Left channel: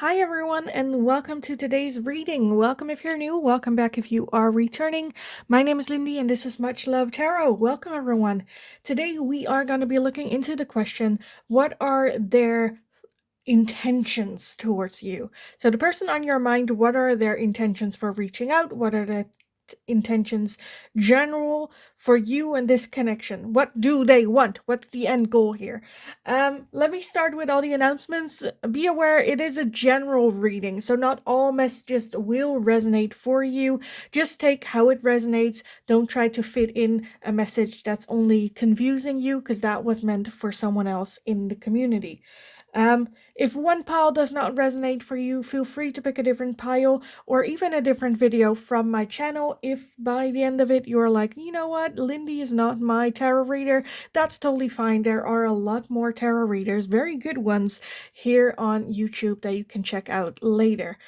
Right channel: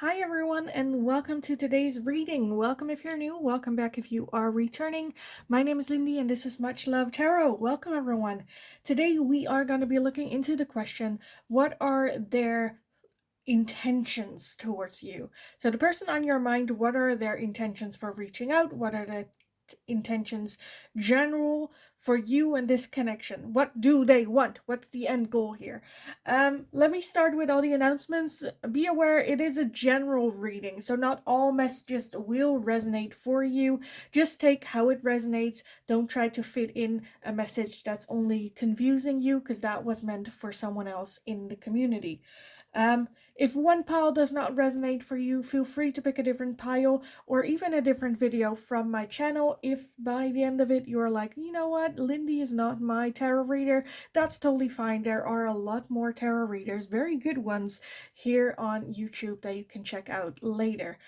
Hi everyone, and welcome to today's reading. Welcome if you're new, welcome back if you are returning. My name is Lindy and this is Much Love Tarot. Welcome everyone. Today we are going to be looking into the question, what are their intentions towards you? So the person on your mind, what are their intentions for reaching out? What are the intentions general for you and this connection? What do they want? What's the end goal here? Let me start with all the announcements. Be aware it is a general reading, so not all messages will resonate for you. Just take how it resonates. Don't try to fit in a message that's only confusing you, because that was meant for someone else in the community. If one pile does not resonate for you, feel free to pick a different pile or even a different video from my channel. If by the end of it you're like, you know what, Lindy is not my tarot reader, that's totally fine. There are a lot more tarot readers, very good ones, here on YouTube that you can check out later.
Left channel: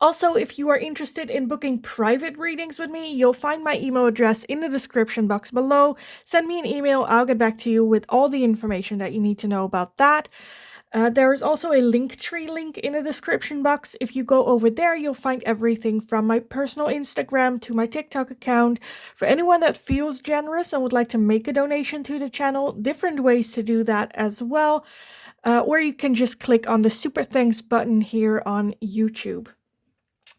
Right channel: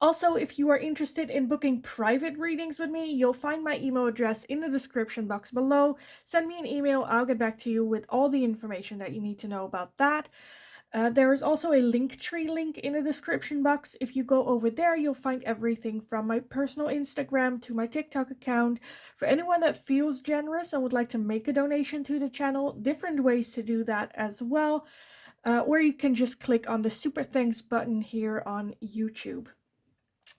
Also, if you are interested in booking private readings with me, you'll find my email address in the description box below. Send me an email, I'll get back to you with all the information that you need to know about that. There is also a Linktree link in the description box. If you go over there, you'll find everything from my personal Instagram to my TikTok account. For anyone that feels generous and would like to make a donation to the channel, different ways to do that as well. Or you can just click on the super thanks button here on YouTube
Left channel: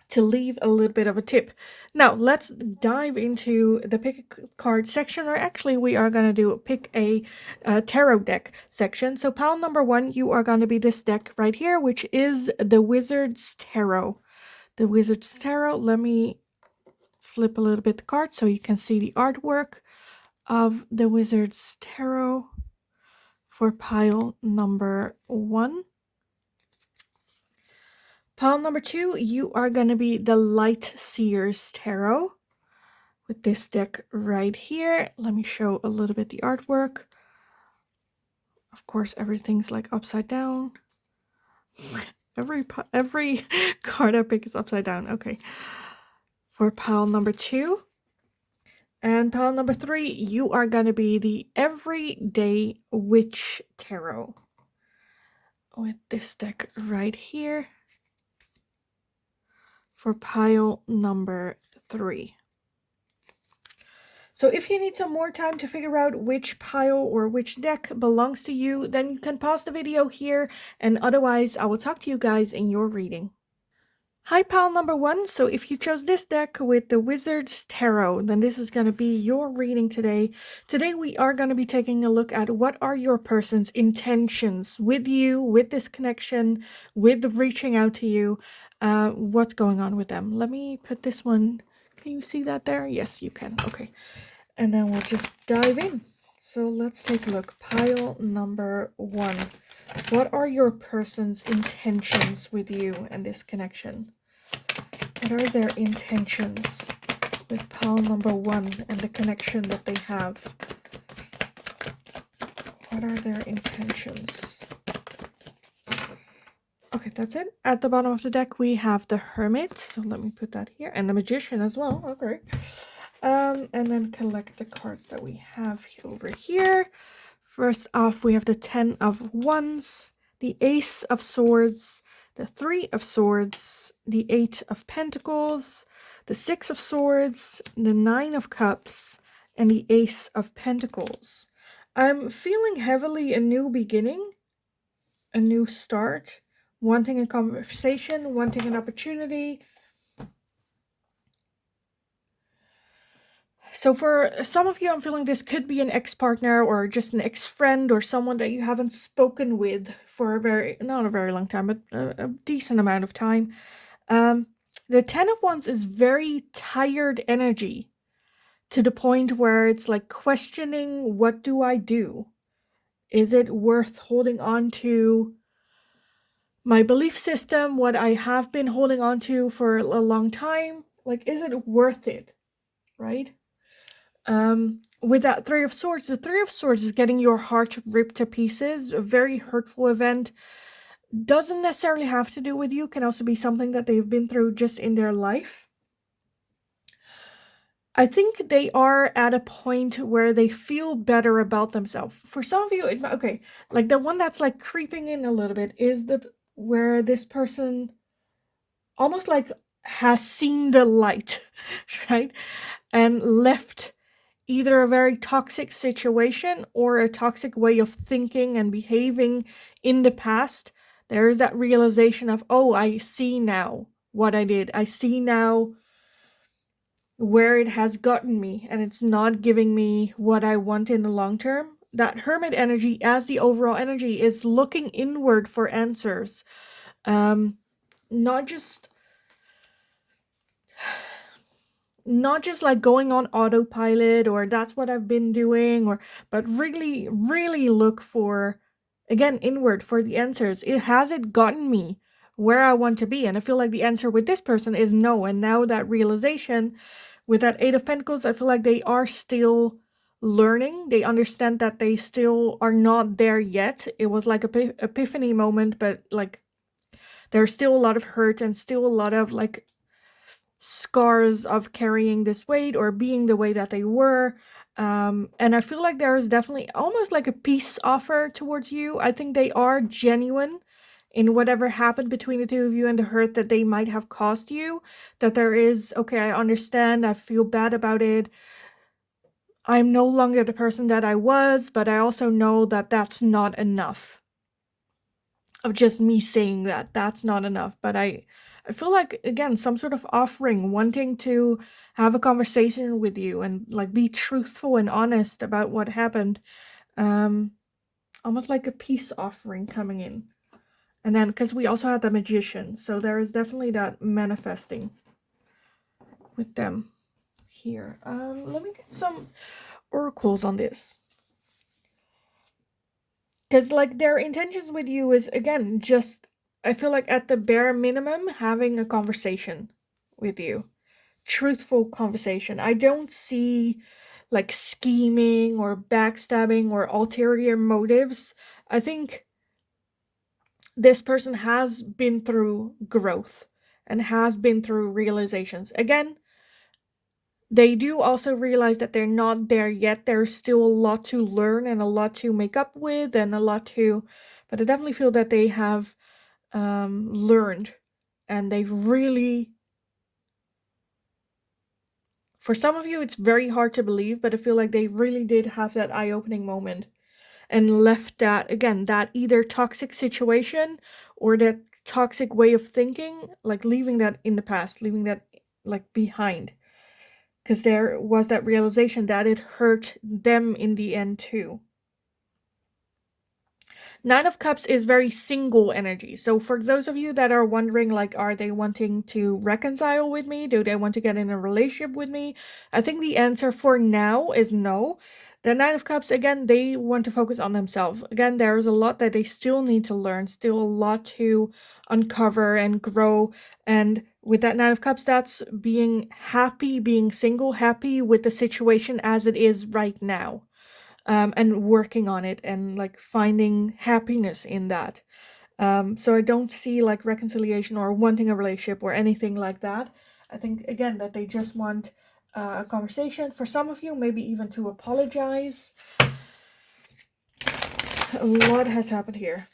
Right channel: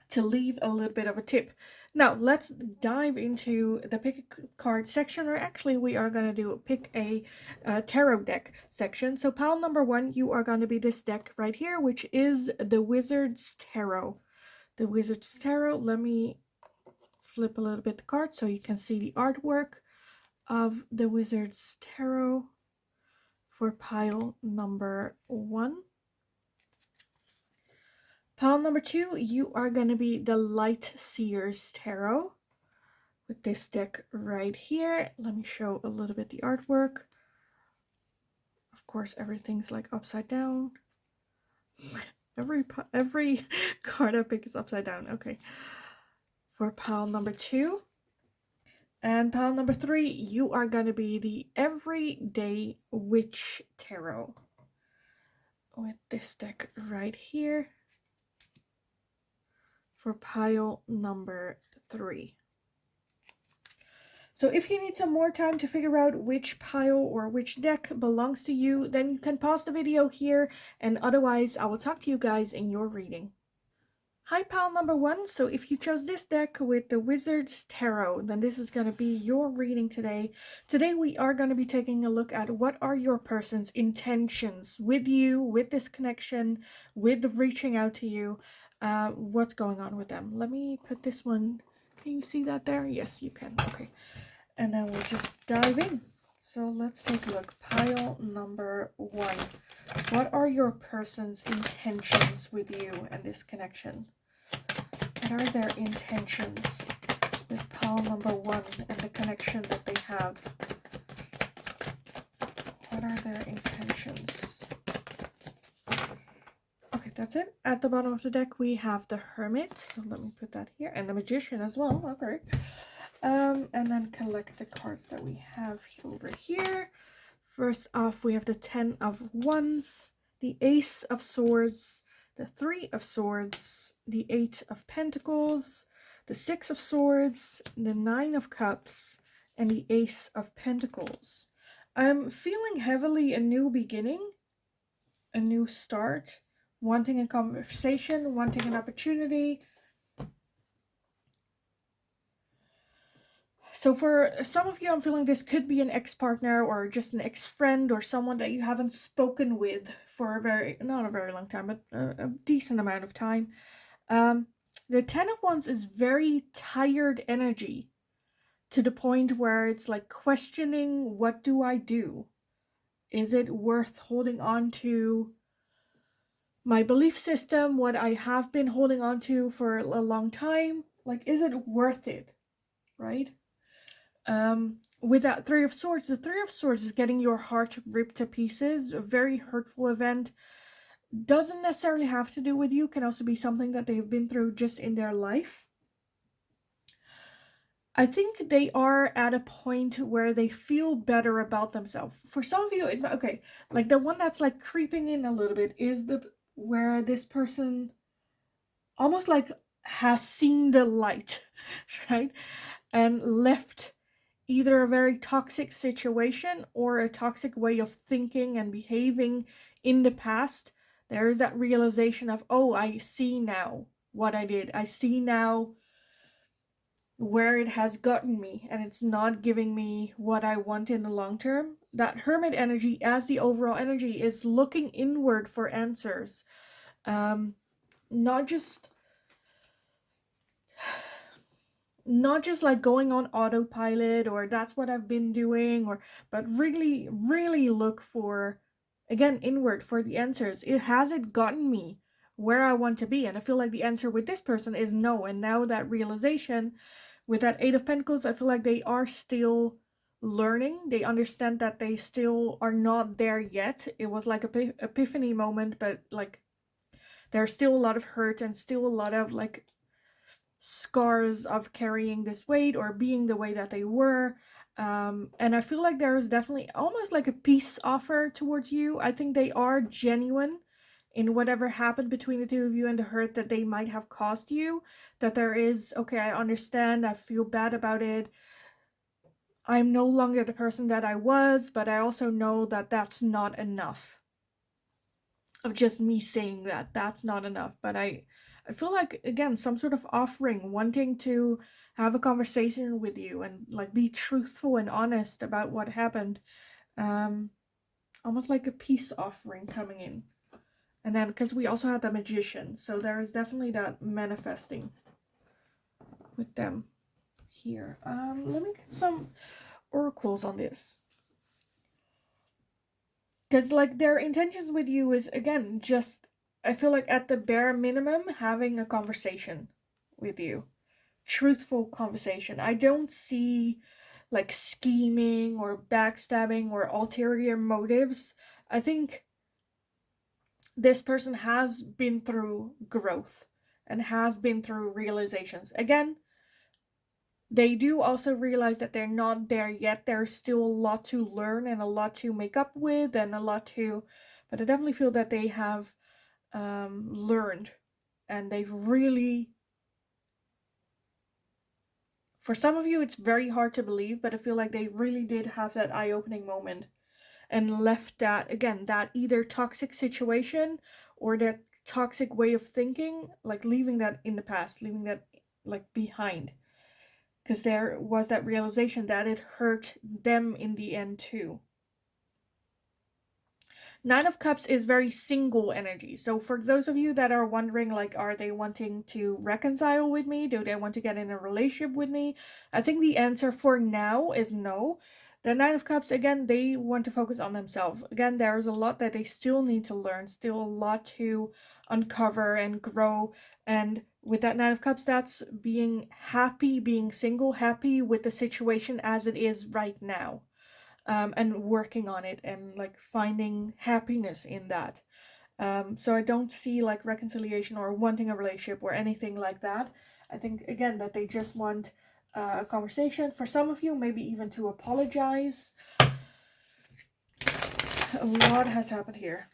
to leave a little bit of a tip. Now let's dive into the pick a card section, or actually we are going to do pick a tarot deck section. So pile number 1, you are going to be this deck right here, which is the Wizard's Tarot. The Wizard's Tarot. Let me flip a little bit the card so you can see the artwork of the Wizard's Tarot for pile number 1. Pile number 2, you are going to be the Light Seer's Tarot with this deck right here. Let me show a little bit the artwork. Of course, everything's like upside down. Every card I pick is upside down. Okay. For pile number 2. And pile number 3, you are going to be the Everyday Witch Tarot with this deck right here. For pile number 3. So if you need some more time to figure out which pile or which deck belongs to you, then you can pause the video here, and otherwise I will talk to you guys in your reading. Hi pile number 1, so if you chose this deck with the Wizard's Tarot, then this is going to be your reading today. Today we are going to be taking a look at what are your person's intentions with you, with this connection, with reaching out to you. What's going on with them. Let me put this one. Can you see that there? Yes, you can. Okay. And then we'll just dive in. So let's take a look. Pile number 1. What are your person's intentions with you and this connection? What are their intentions with pile number 1 and the connection that they have? What are their intentions? Okay, that's it. At the bottom of the deck, we have the Hermit. So let me put that here. And the Magician as well. Okay. And then collect the cards that we have over here. First off, we have the 10 of Wands, the Ace of Swords, the 3 of Swords, the 8 of Pentacles, the 6 of Swords, the 9 of Cups, and the Ace of Pentacles. I'm feeling heavily a new beginning, a new start, wanting a conversation, wanting an opportunity. So for some of you, I'm feeling this could be an ex-partner or just an ex-friend or someone that you haven't spoken with for not a very long time, but a decent amount of time. The 10 of Wands is very tired energy, to the point where it's like questioning, what do I do? Is it worth holding on to my belief system, what I have been holding on to for a long time? Like, is it worth it, right? With that 3 of Swords, the 3 of Swords is getting your heart ripped to pieces, a very hurtful event. Doesn't necessarily have to do with you, can also be something that they've been through just in their life. I think they are at a point where they feel better about themselves. For some of you, okay, like the one that's like creeping in a little bit is the where this person almost like has seen the light, right? And left either a very toxic situation or a toxic way of thinking and behaving in the past. There is that realization of, oh, I see now what I did. I see now where it has gotten me, and it's not giving me what I want in the long term. That hermit energy, as the overall energy, is looking inward for answers. Not just like going on autopilot or that's what I've been doing, or but really really look for, again, inward for the answers. Has it gotten me where I want to be? And I feel like the answer with this person is no. And now that realization with that Eight of Pentacles, I feel like they are still learning. They understand that they still are not there yet. It was like a epiphany moment, but like there's still a lot of hurt and still a lot of like scars of carrying this weight or being the way that they were. And I feel like there is definitely almost like a peace offer towards you. I think they are genuine in whatever happened between the two of you and the hurt that they might have caused you. That there is, okay, I understand, I feel bad about it. I'm no longer the person that I was, but I also know that that's not enough. Of just me saying that, that's not enough. But I feel like, again, some sort of offering, wanting to have a conversation with you and like be truthful and honest about what happened. Almost like a peace offering coming in. And then, because we also had the Magician, so there is definitely that manifesting with them here. Let me get some oracles on this. Because like their intentions with you is, again, just, I feel like at the bare minimum, having a conversation with you. Truthful conversation. I don't see like scheming or backstabbing or ulterior motives. I think this person has been through growth and has been through realizations. Again, they do also realize that they're not there yet. There's still a lot to learn and a lot to make up with and a lot to, but I definitely feel that they have learned, and they've really, for some of you it's very hard to believe, but I feel like they really did have that eye-opening moment and left that, again, that either toxic situation or that toxic way of thinking, like leaving that in the past, leaving that like behind. Because there was that realization that it hurt them in the end too. Nine of Cups is very single energy. So for those of you that are wondering, like, are they wanting to reconcile with me? Do they want to get in a relationship with me? I think the answer for now is no. The Nine of Cups, again, they want to focus on themselves. Again, there's a lot that they still need to learn, still a lot to uncover and grow. And with that Nine of Cups, that's being happy, being single, happy with the situation as it is right now. And working on it and like finding happiness in that. So I don't see like reconciliation or wanting a relationship or anything like that. I think, again, that they just want a conversation. For some of you, maybe even to apologize. What has happened here?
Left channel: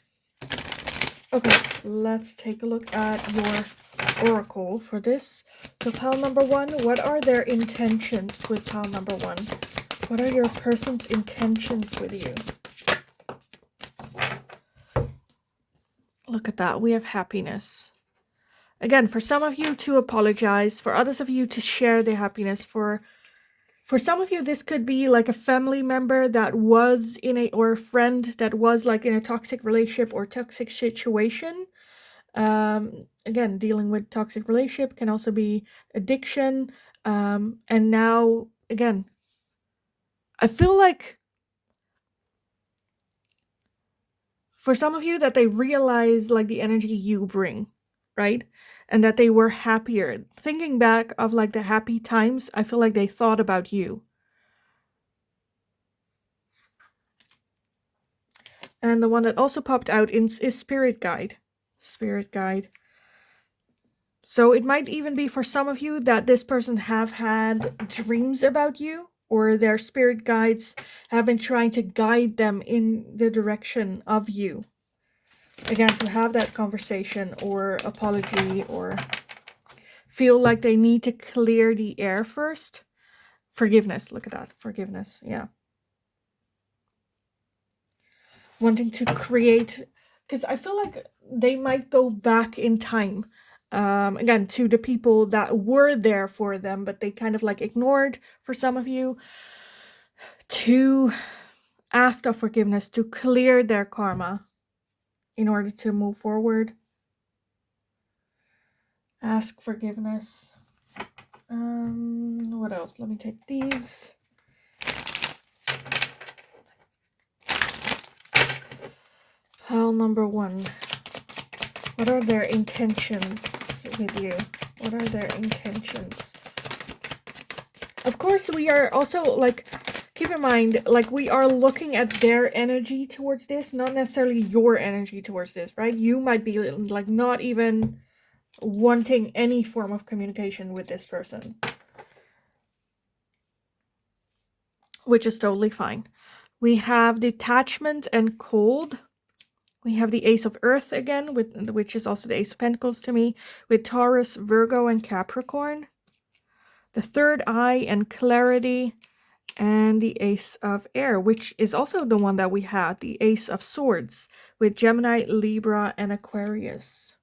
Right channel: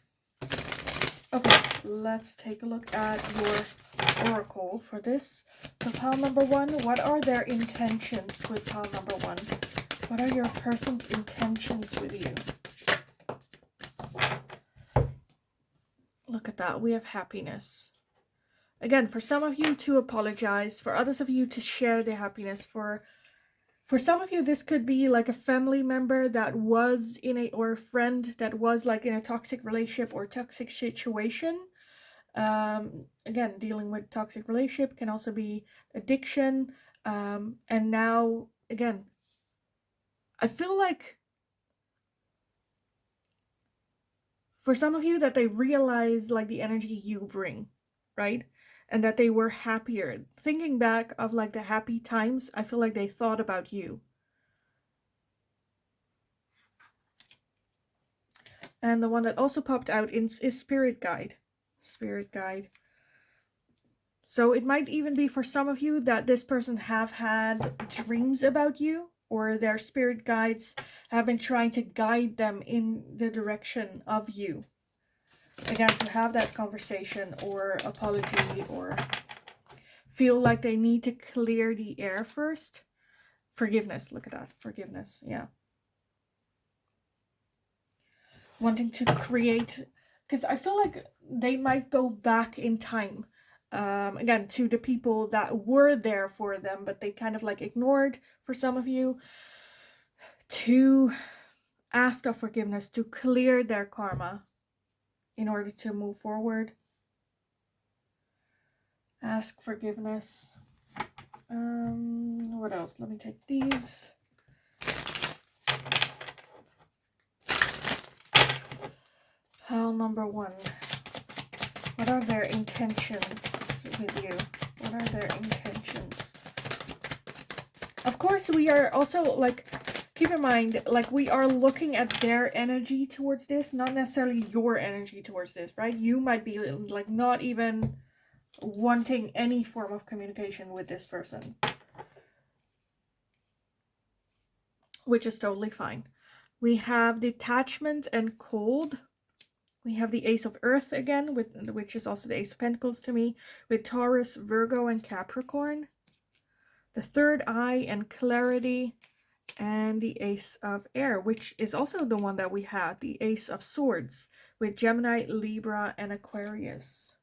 Okay, let's take a look at your oracle for this. So pile number one, what are their intentions with pile number one? What are your person's intentions with you? Look at that. We have happiness. Again, for some of you to apologize, for others of you to share the happiness. For some of you, this could be like a family member that was in a, or a friend that was like in a toxic relationship or toxic situation. Again, dealing with toxic relationship can also be addiction. And now, again, I feel like for some of you that they realize like the energy you bring, right? And that they were happier. Thinking back of like the happy times, I feel like they thought about you. And the one that also popped out is Spirit Guide. Spirit Guide. So it might even be for some of you that this person have had dreams about you, or their spirit guides have been trying to guide them in the direction of you. Again, to have that conversation or apology, or feel like they need to clear the air first. Forgiveness, look at that, forgiveness, yeah. Wanting to create, because I feel like they might go back in time, again, to the people that were there for them, but they kind of like ignored for some of you, to ask of forgiveness, to clear their karma in order to move forward. Ask forgiveness. What else? Let me take these. Pile number 1. What are their intentions with you? What are their intentions? Of course, we are also, like, keep in mind, like, we are looking at their energy towards this, not necessarily your energy towards this, right? You might be, like, not even wanting any form of communication with this person, which is totally fine. We have detachment and cold. We have the Ace of Earth again, which is also the Ace of Pentacles to me, with Taurus, Virgo, and Capricorn. The Third Eye and Clarity, and the Ace of Air, which is also the one that we had, the Ace of Swords, with Gemini, Libra, and Aquarius.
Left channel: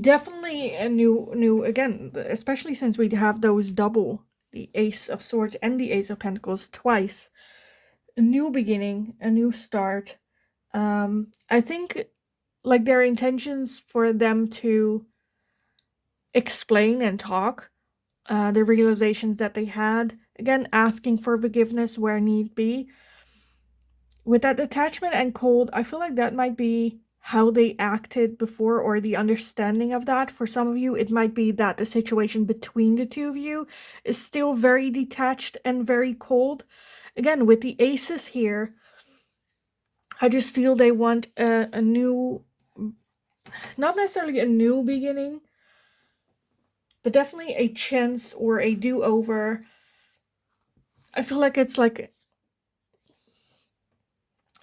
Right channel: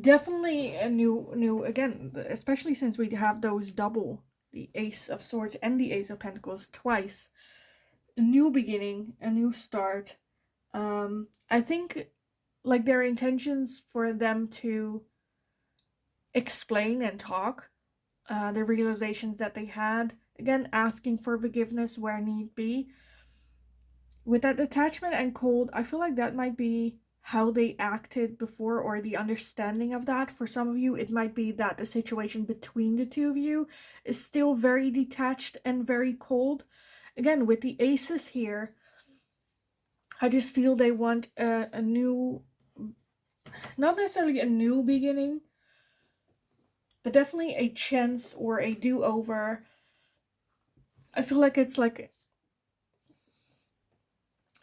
Definitely a new again, especially since we have those double, the Ace of Swords and the Ace of Pentacles twice. A new beginning, a new start. I think, like, their intentions for them to explain and talk the realizations that they had, again, asking for forgiveness where need be. With that detachment and cold, I feel like that might be how they acted before, or the understanding of that. For some of you, it might be that the situation between the two of you is still very detached and very cold. Again, with the aces here, I just feel they want a new, not necessarily a new beginning, but definitely a chance or a do-over. I feel like it's like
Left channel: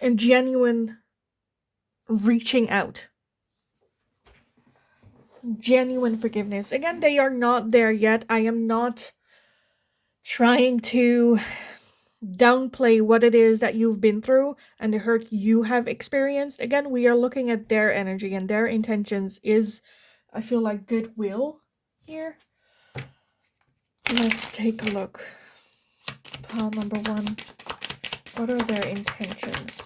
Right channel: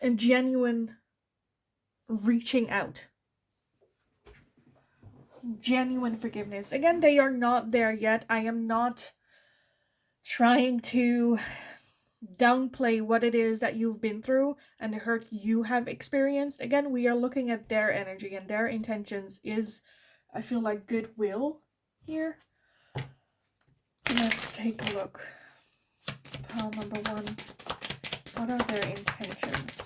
a genuine reaching out. Genuine forgiveness. Again, they are not there yet. I am not trying to downplay what it is that you've been through and the hurt you have experienced. Again, we are looking at their energy, and their intentions is, I feel like, goodwill here. Let's take a look. Pile number 1. What are their intentions?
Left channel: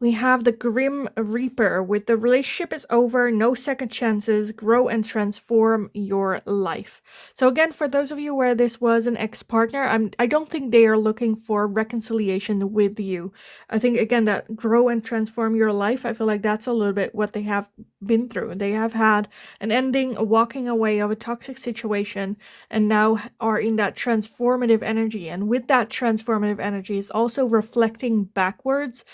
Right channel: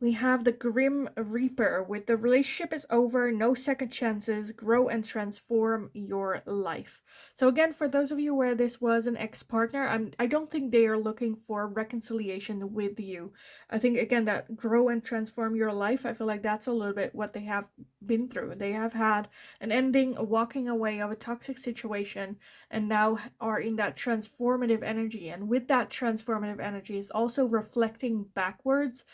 We have the Grim Reaper with the relationship is over, no second chances, grow and transform your life. So again, for those of you where this was an ex-partner, I don't think they are looking for reconciliation with you. I think, again, that grow and transform your life, I feel like that's a little bit what they have been through. They have had an ending, a walking away of a toxic situation, and now are in that transformative energy. And with that transformative energy is also reflecting backwards,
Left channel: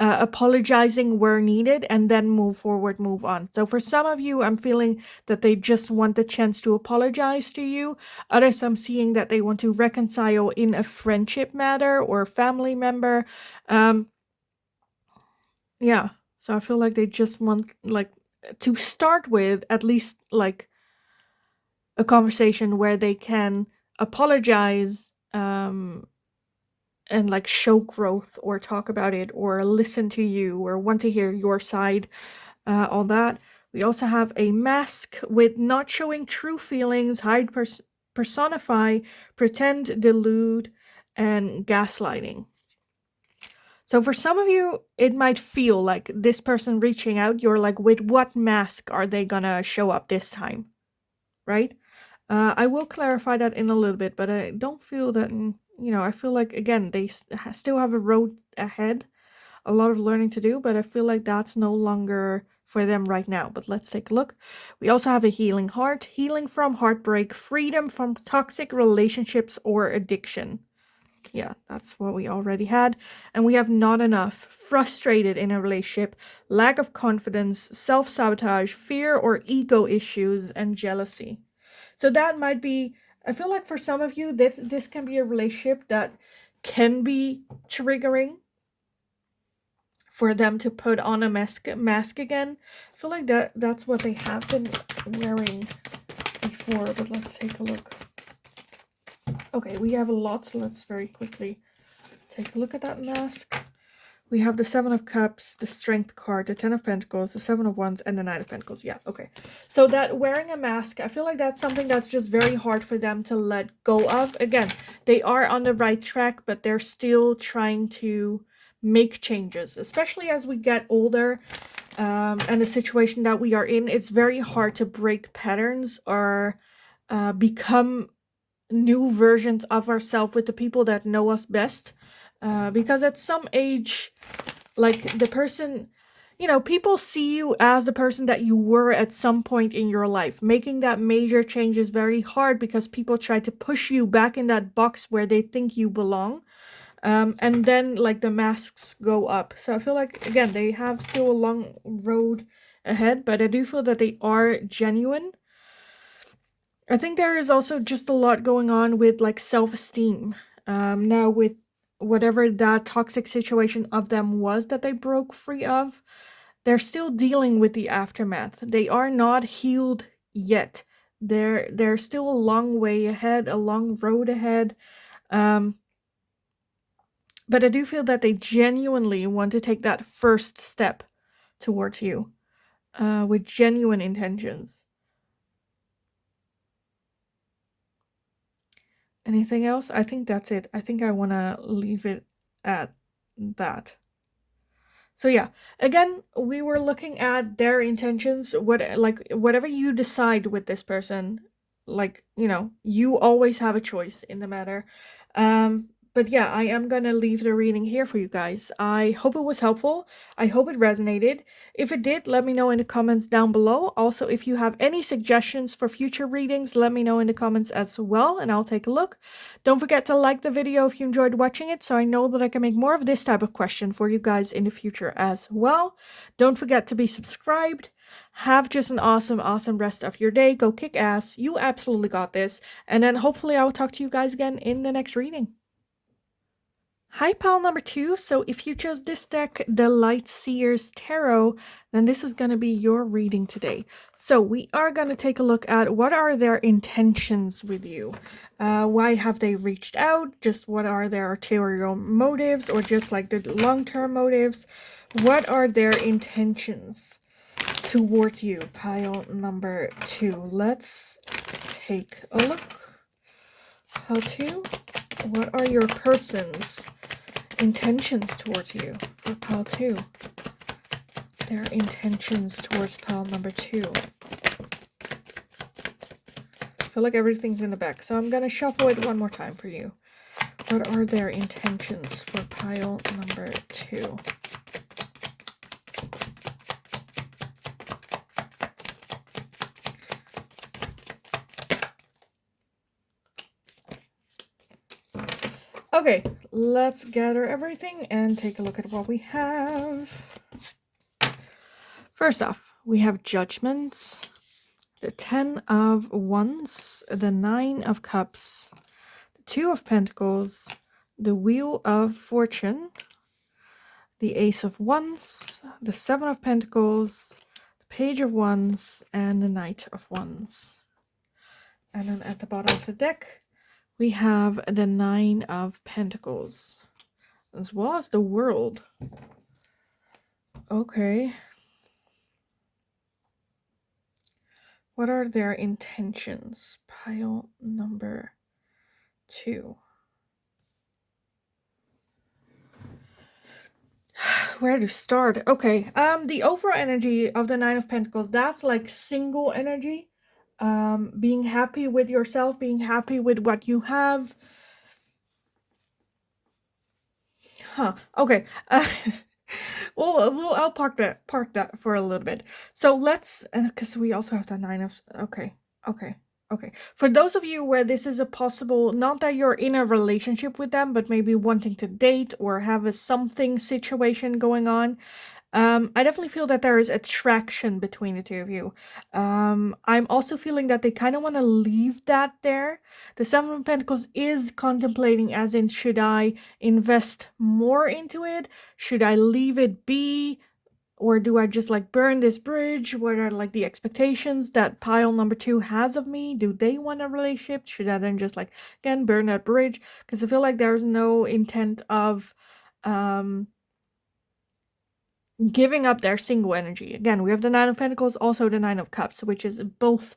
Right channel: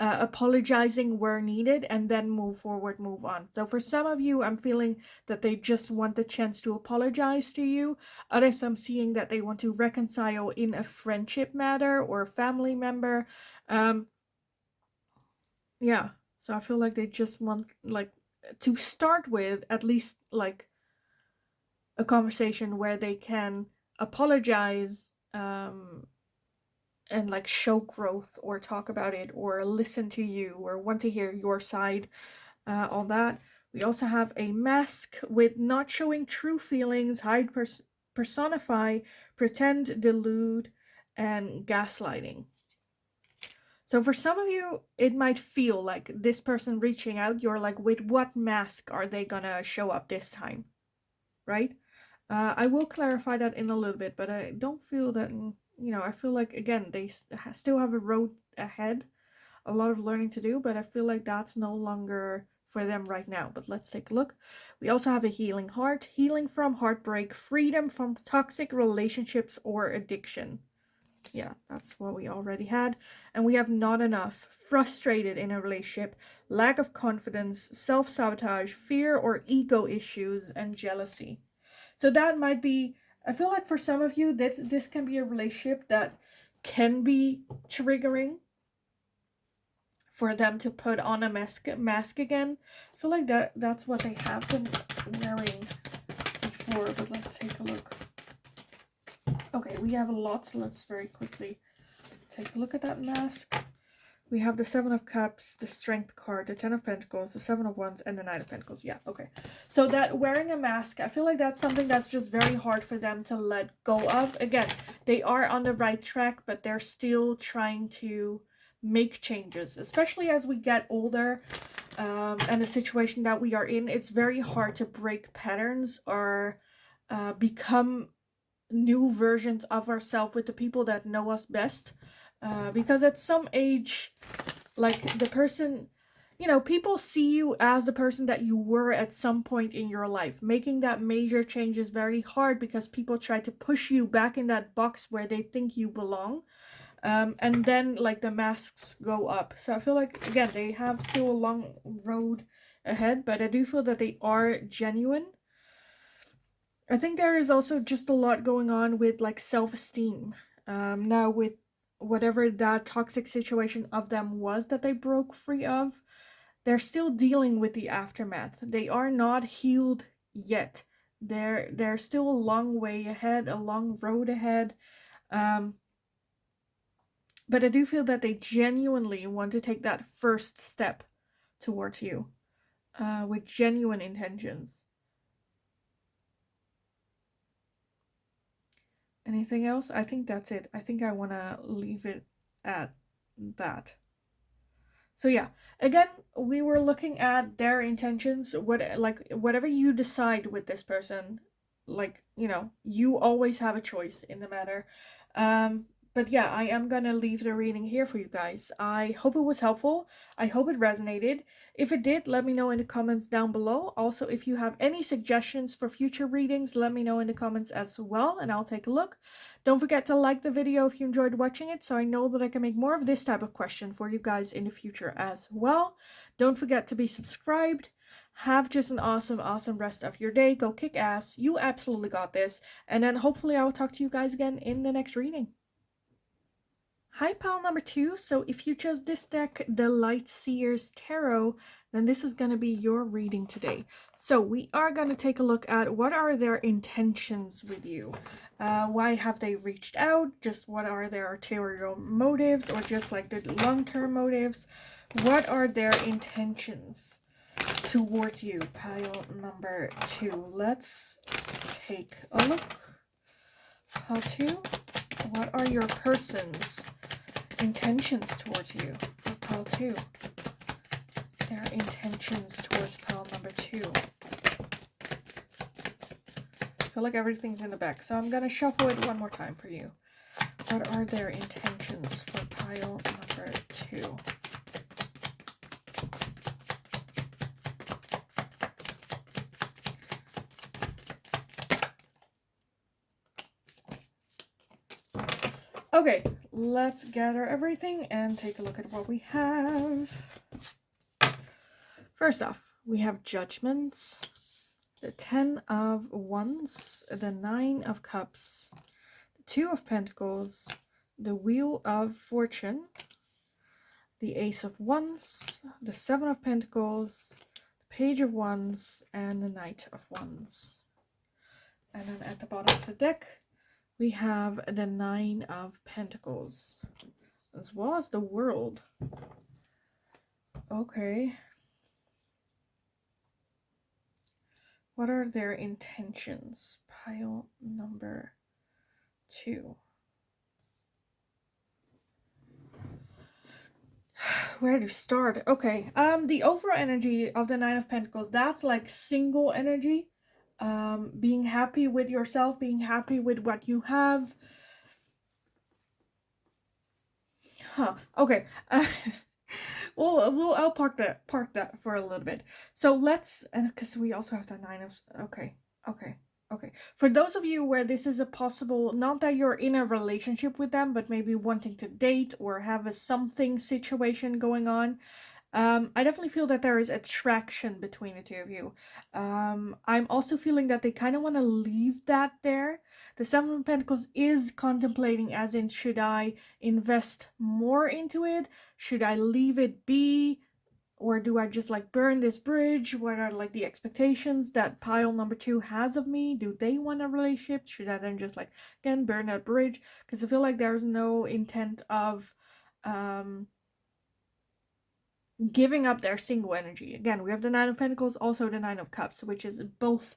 apologizing where needed, and then move forward, move on. So for some of you, I'm feeling that they just want the chance to apologize to you. Others, I'm seeing that they want to reconcile in a friendship matter or family member. Yeah, so I feel like they just want, like, to start with at least, like, a conversation where they can apologize, and, like, show growth or talk about it or listen to you or want to hear your side, all that. We also have a mask with not showing true feelings, hide, personify, pretend, delude, and gaslighting. So for some of you, it might feel like this person reaching out, you're like, with what mask are they gonna show up this time, right? I will clarify that in a little bit, but I don't feel that, I feel like, again, they still have a road ahead, a lot of learning to do, but I feel like that's no longer for them right now. But let's take a look. We also have a healing heart, healing from heartbreak, freedom from toxic relationships or addiction. Yeah, that's what we already had. And we have not enough, frustrated in a relationship, lack of confidence, self-sabotage, fear or ego issues, and jealousy. So that might be, I feel like for some of you, that this can be a relationship that can be triggering for them to put on a mask again. I feel like that's what they have been wearing before, but let's take a look. Okay, we have a lot, so let's very quickly take a look at that mask. We have the Seven of Cups, the Strength card, the Ten of Pentacles, the Seven of Wands, and the Knight of Pentacles. Yeah, okay. So that wearing a mask, I feel like that's something that's just very hard for them to let go of. Again, they are on the right track, but they're still trying to make changes, especially as we get older. And the situation that we are in, it's very hard to break patterns or become new versions of ourselves with the people that know us best. Because at some age, like the person, you know, people see you as the person that you were at some point in your life. Making that major change is very hard because people try to push you back in that box where they think you belong. And then like the masks go up. So I feel like, again, they have still a long road ahead, but I do feel that they are genuine. I think there is also just a lot going on with like self-esteem. Now with whatever that toxic situation of them was that they broke free of, they're still dealing with the aftermath. They are not healed yet. They're still a long way ahead, a long road ahead. But I do feel that they genuinely want to take that first step towards you, with genuine intentions. Anything else? I think that's it. I think I want to leave it at that. So yeah, again, we were looking at their intentions. Whatever you decide with this person, like, you know, you always have a choice in the matter. But yeah, I am gonna leave the reading here for you guys. I hope it was helpful. I hope it resonated. If it did, let me know in the comments down below. Also, if you have any suggestions for future readings, let me know in the comments as well, and I'll take a look. Don't forget to like the video if you enjoyed watching it, so I know that I can make more of this type of question for you guys in the future as well. Don't forget to be subscribed. Have just an awesome, awesome rest of your day. Go kick ass. You absolutely got this. And then hopefully I will talk to you guys again in the next reading. Hi, pile number 2. So if you chose this deck, the Light Seers Tarot, then this is going to be your reading today. So we are going to take a look at what are their intentions with you. Why have they reached out? Just what are their ulterior motives, or just like the long-term motives? What are their intentions towards you? Pile number 2. Let's take a look. Pile 2. What are your person's intentions towards you for pile 2? Their intentions towards pile number 2. I feel like everything's in the back, so I'm going to shuffle it one more time for you. What are their intentions for pile number 2? Okay, let's gather everything and take a look at what we have. First off, we have Judgments, the 10 of Wands, the 9 of Cups, the 2 of Pentacles, the Wheel of Fortune, the Ace of Wands, the 7 of Pentacles, the Page of Wands, and the Knight of Wands. And then at the bottom of the deck, we have the 9 of Pentacles, as well as the World. Okay. What are their intentions? Pile number 2. Where to start? Okay. The overall energy of the 9 of Pentacles, that's like single energy. Being happy with yourself, being happy with what you have. Huh. Okay. I'll park that for a little bit. So let's, because we also have the 9 of, okay. Okay. For those of you where this is a possible, not that you're in a relationship with them, but maybe wanting to date or have a something situation going on, I definitely feel that there is attraction between the two of you. I'm also feeling that they kind of want to leave that there. The Seven of Pentacles is contemplating, as in, should I invest more into it? Should I leave it be? Or do I just like burn this bridge? What are like the expectations that pile number two has of me? Do they want a relationship? Should I then just like again burn that bridge? Because I feel like there's no intent of um giving up their single energy. Again, we have the Nine of Pentacles, also the Nine of Cups, which is both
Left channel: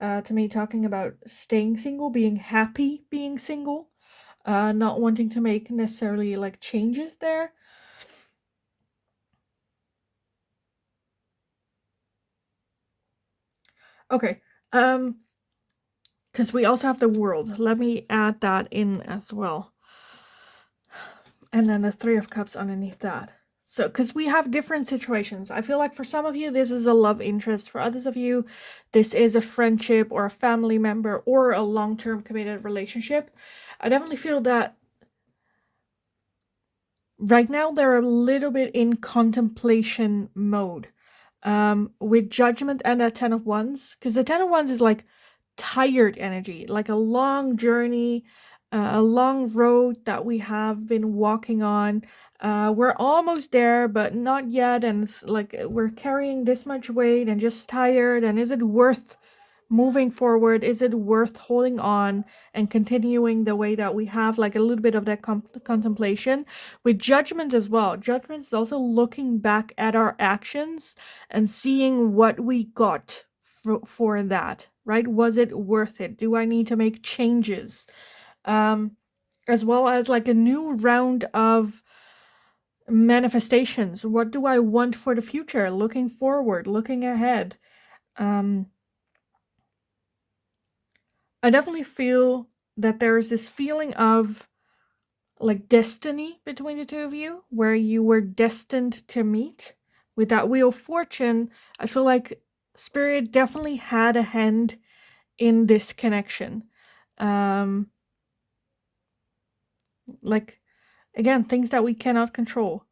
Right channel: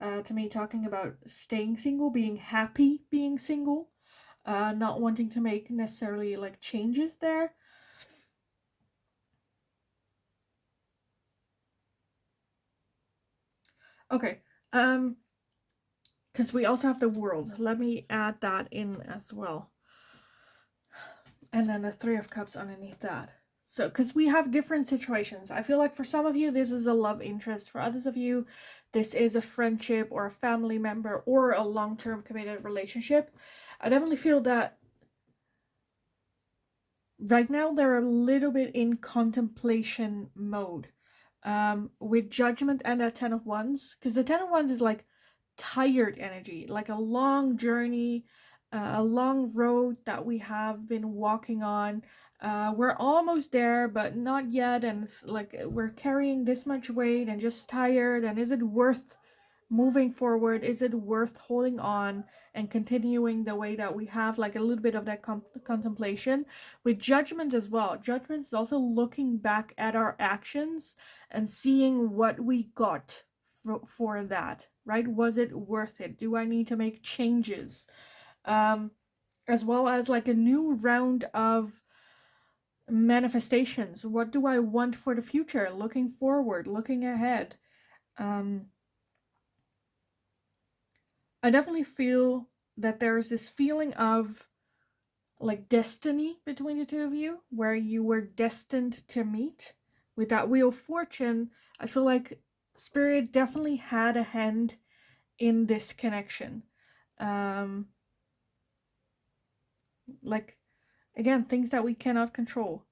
to me talking about staying single, being happy being single, not wanting to make necessarily like changes there. Okay. Because we also have the World. Let me add that in as well. And then the Three of Cups underneath that. So, because we have different situations. I feel like for some of you, this is a love interest. For others of you, this is a friendship or a family member or a long-term committed relationship. I definitely feel that right now they're a little bit in contemplation mode. With Judgment and that Ten of Wands. Because the Ten of Wands is like tired energy, like a long journey, a long road that we have been walking on. We're almost there, but not yet. And it's like we're carrying this much weight and just tired. And is it worth moving forward? Is it worth holding on and continuing the way that we have? Like a little bit of that contemplation. With Judgment as well. Judgment is also looking back at our actions and seeing what we got for that, right? Was it worth it? Do I need to make changes? As well as like a new round of manifestations. What do I want for the future? Looking forward, looking ahead. I definitely feel that there is this feeling of like destiny between the two of you, where you were destined to meet. With that Wheel of Fortune, I feel like Spirit definitely had a hand in this connection. Like, again, things that we cannot control.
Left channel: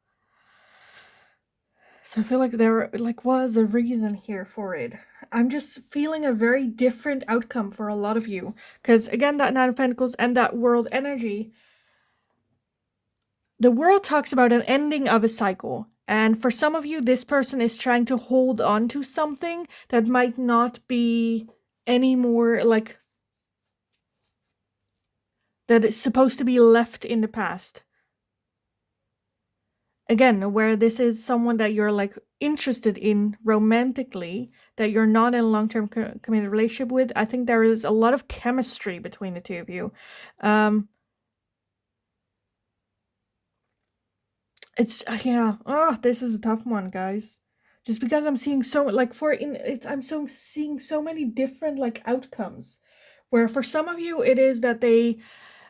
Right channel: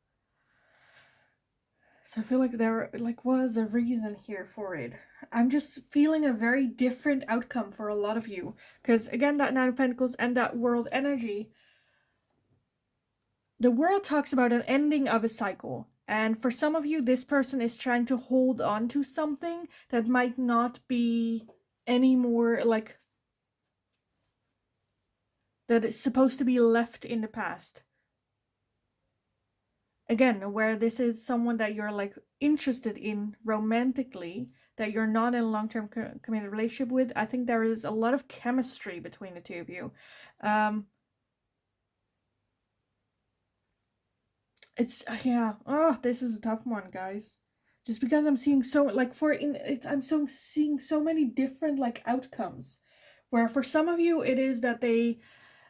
So I feel like there like was a reason here for it. I'm just feeling a very different outcome for a lot of you. Because again, that Nine of Pentacles and that World energy, the World talks about an ending of a cycle. And for some of you, this person is trying to hold on to something that might not be anymore like that is supposed to be left in the past. Again, where this is someone that you're like interested in romantically, that you're not in a long-term committed relationship with, I think there is a lot of chemistry between the two of you. It's yeah. Oh, this is a tough one, guys. Just because I'm seeing so like I'm so seeing so many different like outcomes. Where for some of you it is that they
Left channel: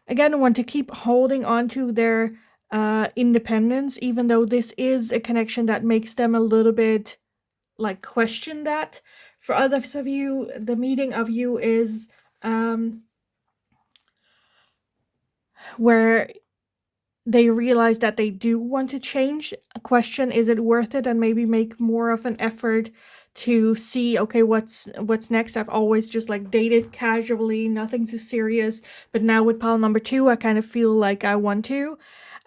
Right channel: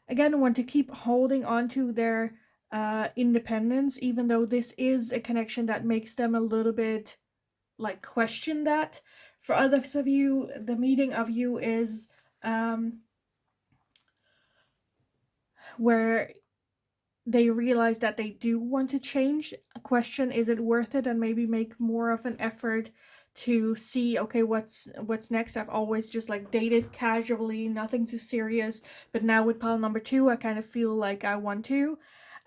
again want to keep holding on to their independence, even though this is a connection that makes them a little bit like question that. For others of you, the meeting of you is where they realize that they do want to change. A question, is it worth it? And maybe make more of an effort to see, okay, what's next. I've always just like dated casually, nothing too serious, but now with pile number two, I kind of feel like I want to.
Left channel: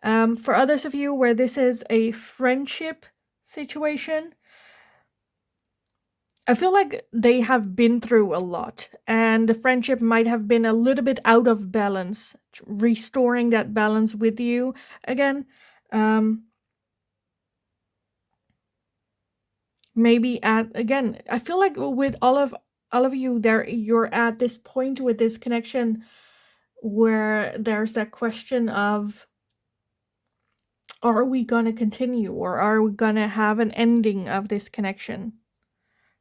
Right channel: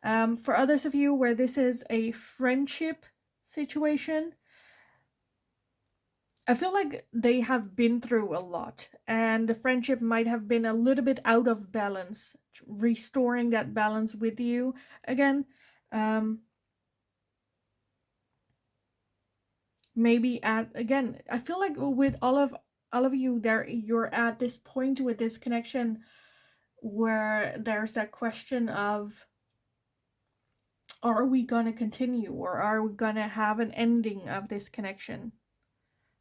For others of you where this is a friendship situation, I feel like they have been through a lot, and the friendship might have been a little bit out of balance. Restoring that balance with you again. Maybe at again, I feel like with all of you there, you're at this point with this connection where there's that question of, are we gonna continue, or are we gonna have an ending of this connection?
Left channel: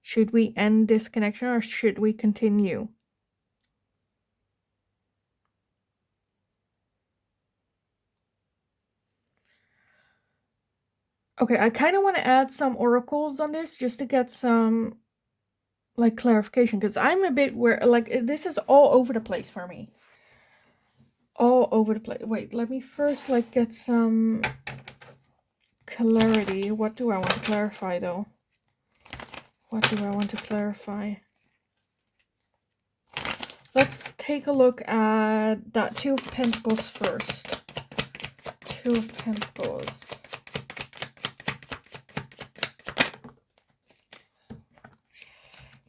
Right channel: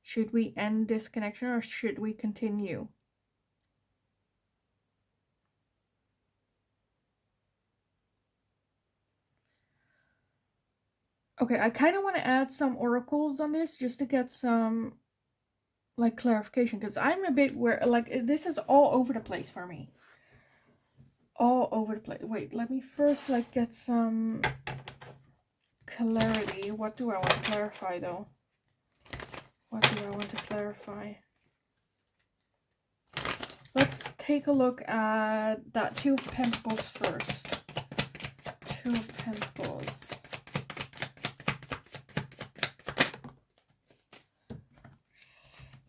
Should we end this connection or should we continue? Okay, I kind of want to add some oracles on this just to get some like clarification, because I'm a bit where like this is all over the place for me. All over the place. Wait, let me first like get some clarity. What do I want to clarify though? What do I want to clarify? Let's take a look at that Two of Pentacles first. Two of Pentacles.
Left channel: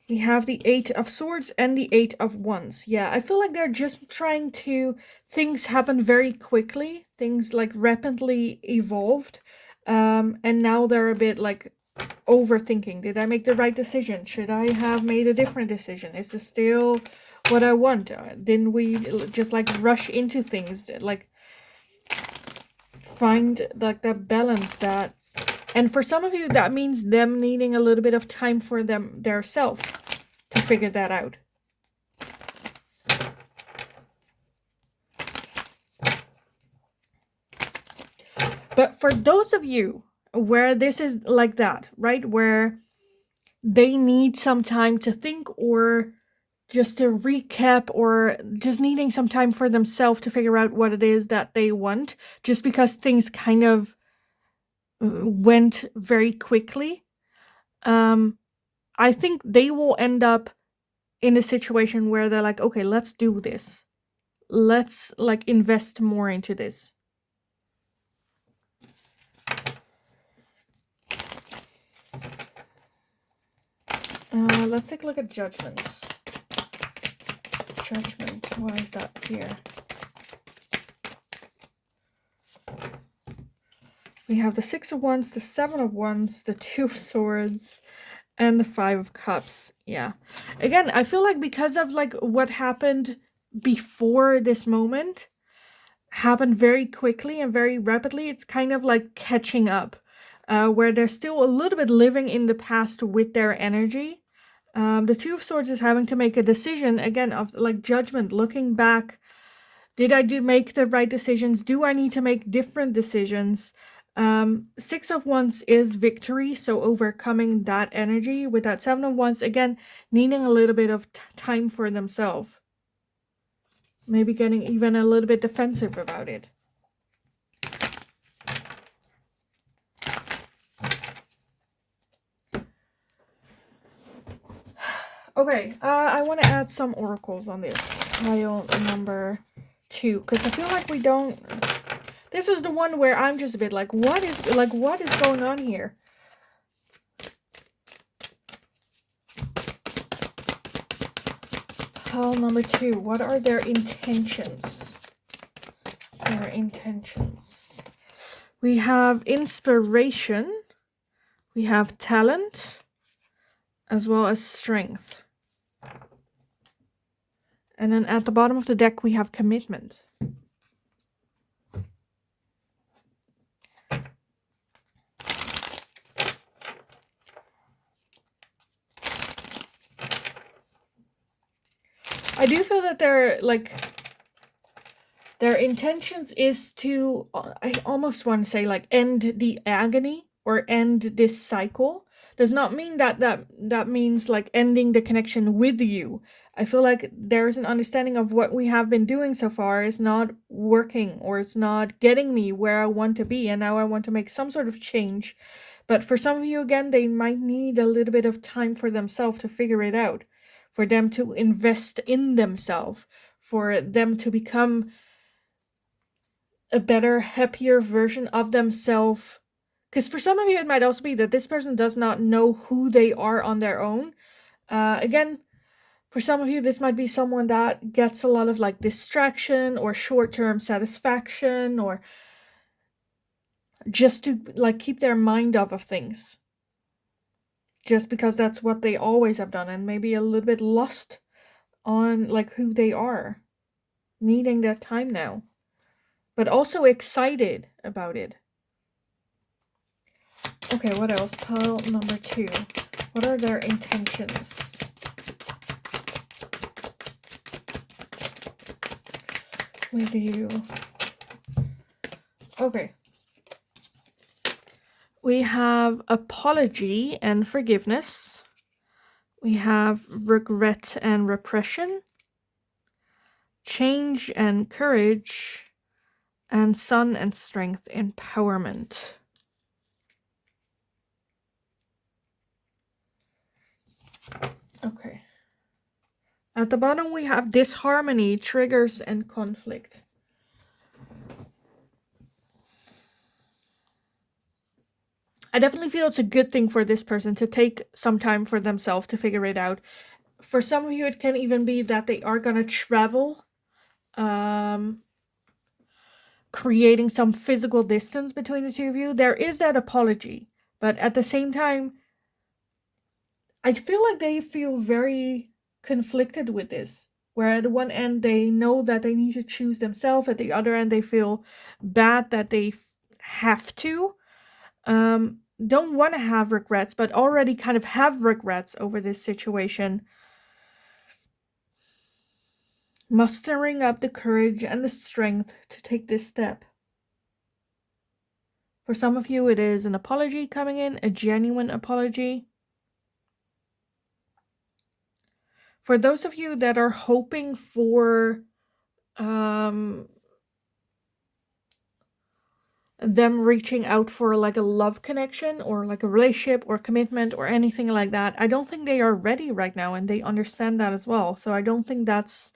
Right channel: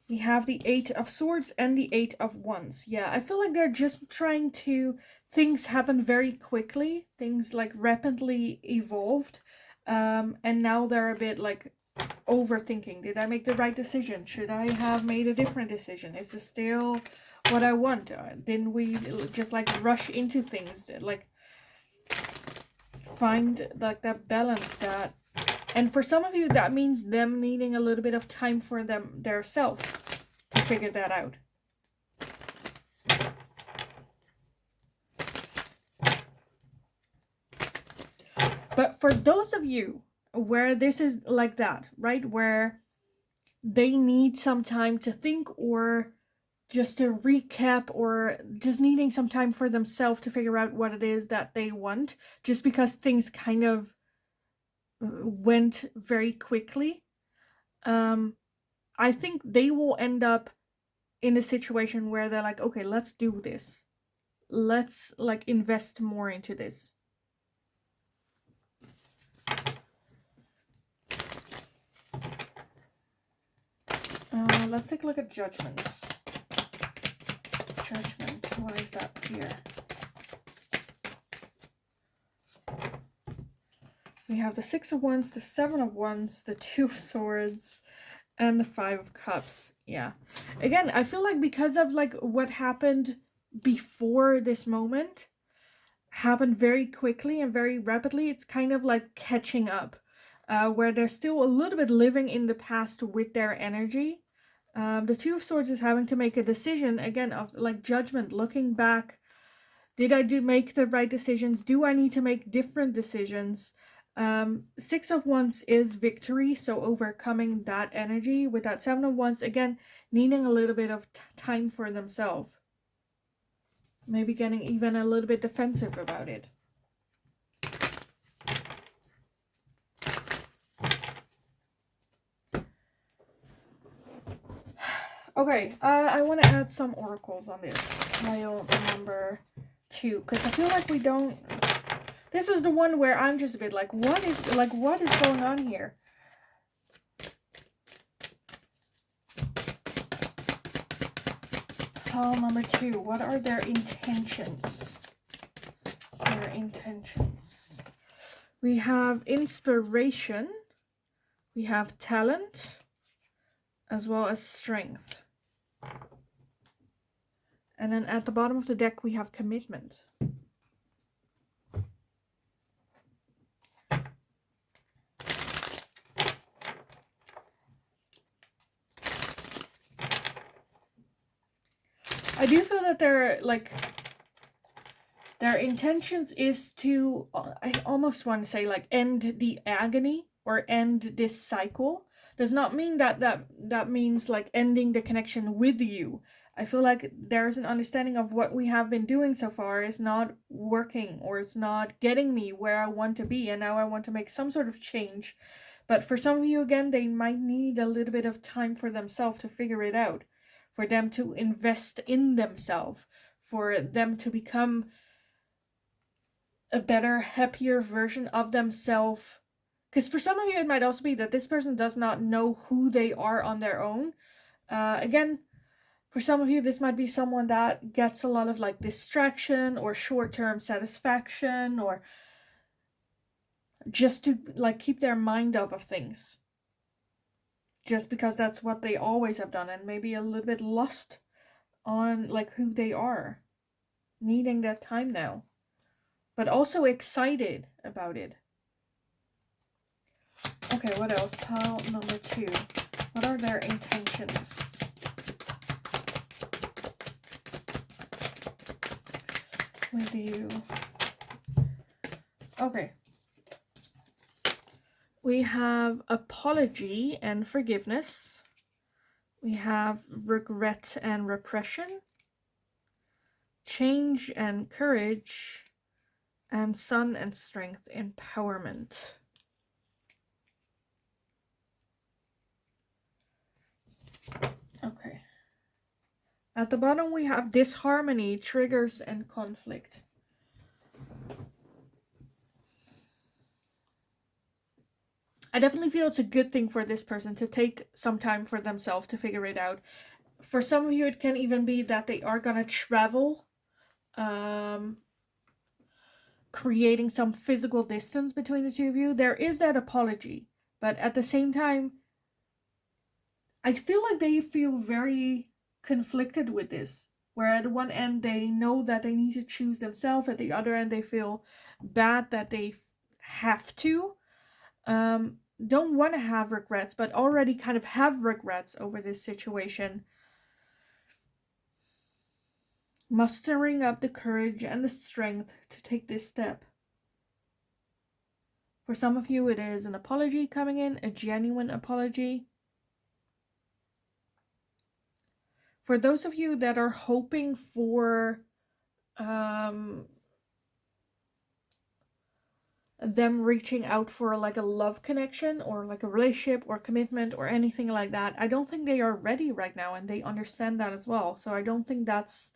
We have the Eight of Swords and the Eight of Wands. Yeah, I feel like they're just trying to... Things happen very quickly. Things like rapidly evolved. And now they're a bit like overthinking. Did I make the right decision? Should I have made a different decision? Is this still what I want? Didn't we just like rush into things? Like find like that balance that... And for some of you, that means them needing a little bit of time for their self to figure that out. But for those of you where this is like that, right? Where they need some time to think, or just to recap, or just needing some time for themselves to figure out what it is that they want, just because things kind of went very quickly. I think they will end up in a situation where they're like, okay, let's do this. Let's like invest more into this. Let's take a look at judgments. Judgment, why is that here? We have the Six of Wands, the Seven of Wands, the Two of Swords, and the Five of Cups. Yeah. Again, I feel like because of like what happened before this moment happened very quickly and very rapidly, it's kind of like catching up, where they're still a little bit living in the past with their energy. The Two of Swords is having to make a decision, again, of like judgment, looking back. Did I make the right decisions? Do I need to make different decisions? Six of Wands is victory, so overcoming that energy. With that Seven of Wands, again, needing a little bit of time for themselves. Maybe getting even a little bit defensive about it. Okay, I want to add some oracles on this. Pile number 2, because I feel like we don't... This is the one where I'm just a bit like, what is going on here? Pile number 2, what are their intentions? Their intentions. We have inspiration. We have talent, as well as strength. And then at the bottom of the deck, we have commitment. I do feel that their intentions is to, I almost want to say like end the agony or end this cycle. Does not mean that means like ending the connection with you. I feel like there's an understanding of what we have been doing so far is not working, or it's not getting me where I want to be, and now I want to make some sort of change. But for some of you, again, they might need a little bit of time for themselves to figure it out, for them to invest in themselves, for them to become a better, happier version of themselves. Because for some of you, it might also be that this person does not know who they are on their own. Again, for some of you, this might be someone that gets a lot of like distraction or short-term satisfaction, or just to like keep their mind off of things. Just because that's what they always have done, and maybe a little bit lost on like who they are. Needing that time now. But also excited about it. Okay, what else? Pile number 2. What are their intentions? With you. Okay. We have apology and forgiveness. We have regret and repression, change and courage, and sun and strength, empowerment. Okay. At the bottom we have disharmony, triggers, and conflict. I definitely feel it's a good thing for this person to take some time for themselves to figure it out. For some of you, it can even be that they are going to travel, creating some physical distance between the two of you. There is that apology, but at the same time, I feel like they feel very conflicted with this. Where at one end they know that they need to choose themselves, at the other end they feel bad that they have to. Don't want to have regrets, but already kind of have regrets over this situation. Mustering up the courage and the strength to take this step. For some of you, it is an apology coming in, a genuine apology. For those of you that are hoping for them reaching out for like a love connection or like a relationship or commitment or anything like that, I don't think they are ready right now, and they understand that as well. So I don't think that's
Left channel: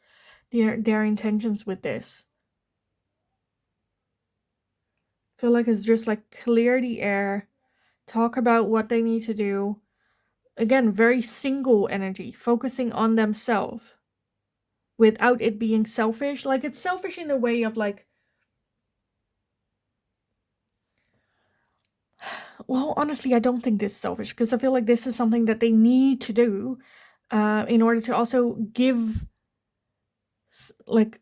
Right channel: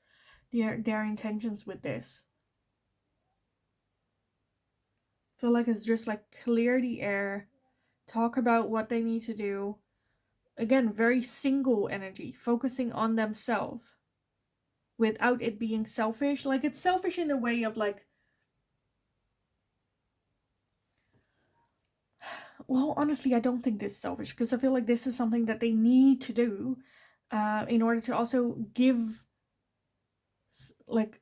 their intentions with this. I feel like it's just like clear the air, talk about what they need to do. Again, very single energy, focusing on themselves without it being selfish. Like, it's selfish in a way of like, well, honestly, I don't think this is selfish, because I feel like this is something that they need to do in order to also give, like,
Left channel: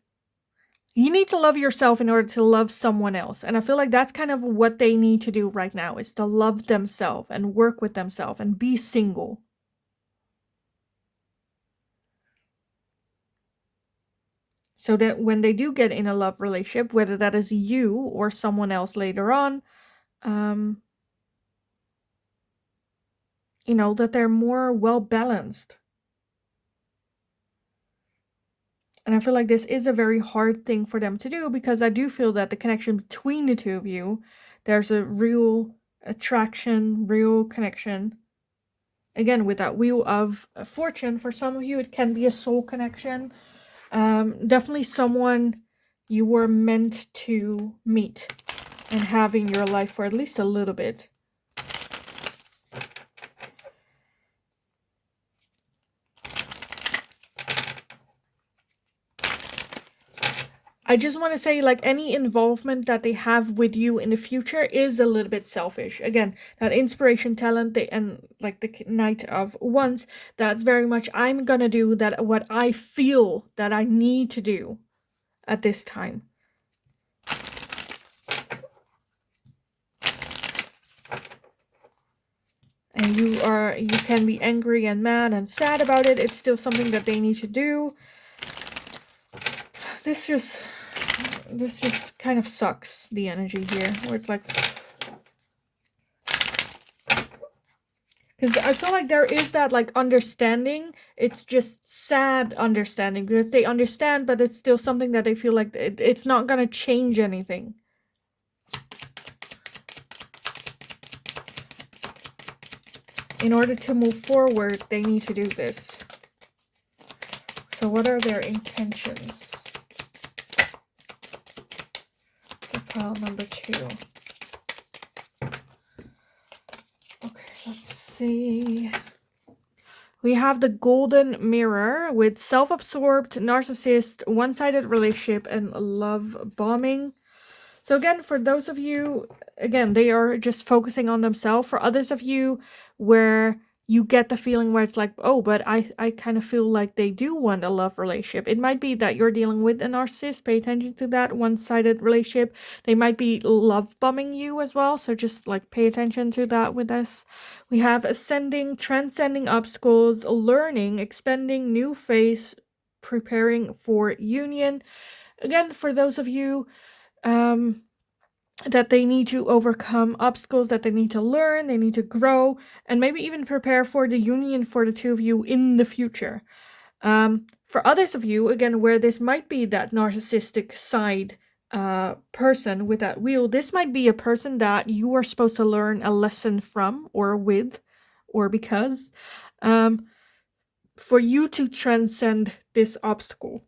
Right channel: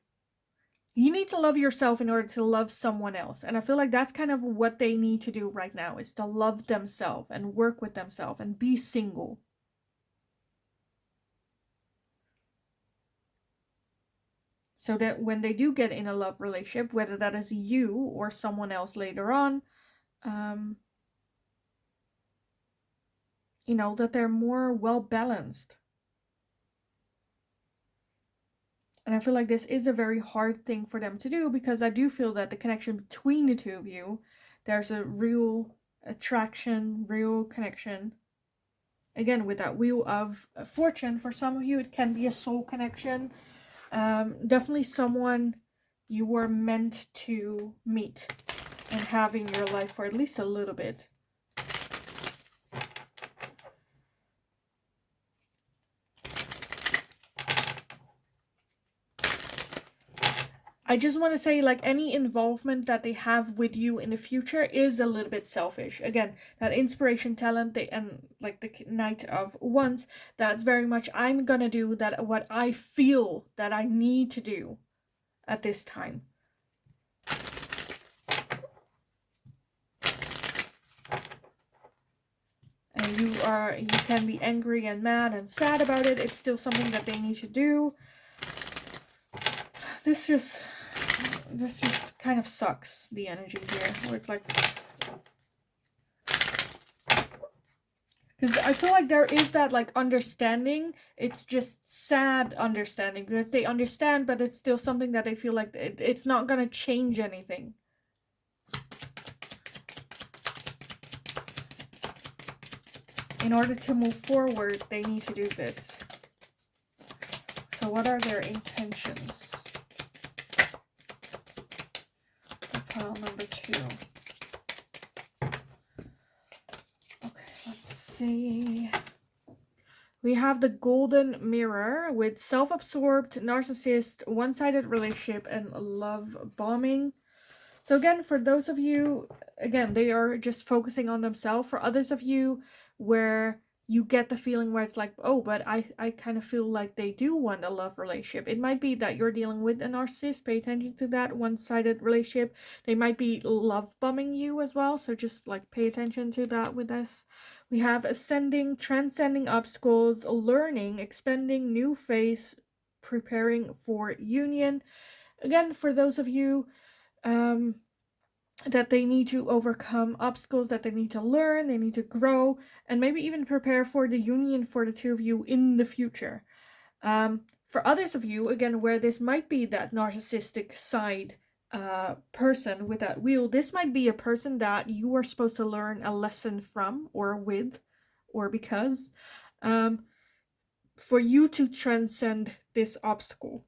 you need to love yourself in order to love someone else. And I feel like that's kind of what they need to do right now, is to love themselves and work with themselves and be single. So that when they do get in a love relationship, whether that is you or someone else later on, you know, that they're more well balanced. And I feel like this is a very hard thing for them to do, because I do feel that the connection between the two of you, there's a real attraction, real connection. Again, with that wheel of fortune, for some of you, it can be a soul connection. Definitely someone you were meant to meet and have in your life for at least a little bit. I just want to say, like, any involvement that they have with you in the future is a little bit selfish. Again, that inspiration, talent, and like the Knight of Wands, that's very much, I'm gonna do that what I feel that I need to do at this time. And you can be angry and mad and sad about it. It's still something that they need to do. This just kind of sucks, the energy here, where it's like, because I feel like there is that like understanding. It's just sad understanding, because they understand, but it's still something that they feel like it's not gonna change anything. In order to move forward, they need to do this. So what are their intentions? For pile number 2. Okay, let's see. We have the golden mirror with self-absorbed, narcissist, one-sided relationship, and love bombing. So again, for those of you, again, they are just focusing on themselves. For others of you, where you get the feeling where it's like, oh, but I kind of feel like they do want a love relationship. It might be that you're dealing with a narcissist. Pay attention to that one-sided relationship. They might be love bombing you as well. So just like pay attention to that with this. We have ascending, transcending obstacles, learning, expanding, new phase, preparing for union. Again, for those of you, that they need to overcome obstacles, that they need to learn, they need to grow, and maybe even prepare for the union for the two of you in the future. For others of you, again, where this might be that narcissistic side person with that wheel, this might be a person that you are supposed to learn a lesson from, or with, or because, for you to transcend this obstacle.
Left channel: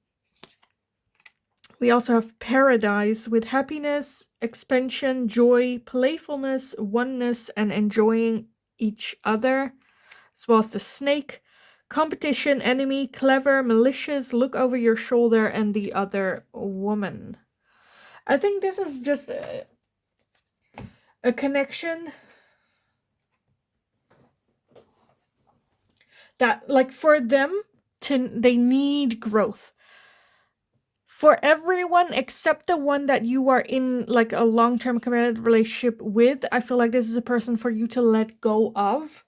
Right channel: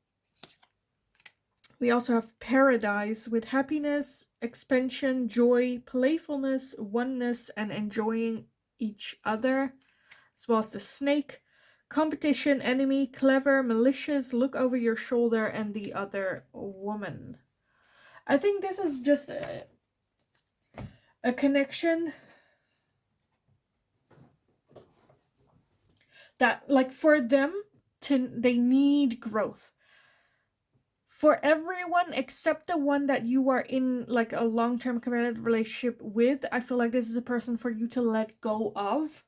We also have paradise with happiness, expansion, joy, playfulness, oneness, and enjoying each other, as well as the snake, competition, enemy, clever, malicious, look over your shoulder, and the other woman. I think this is just a connection that, like, for them, they need growth. For everyone except the one that you are in like a long-term committed relationship with, I feel like this is a person for you to let go of.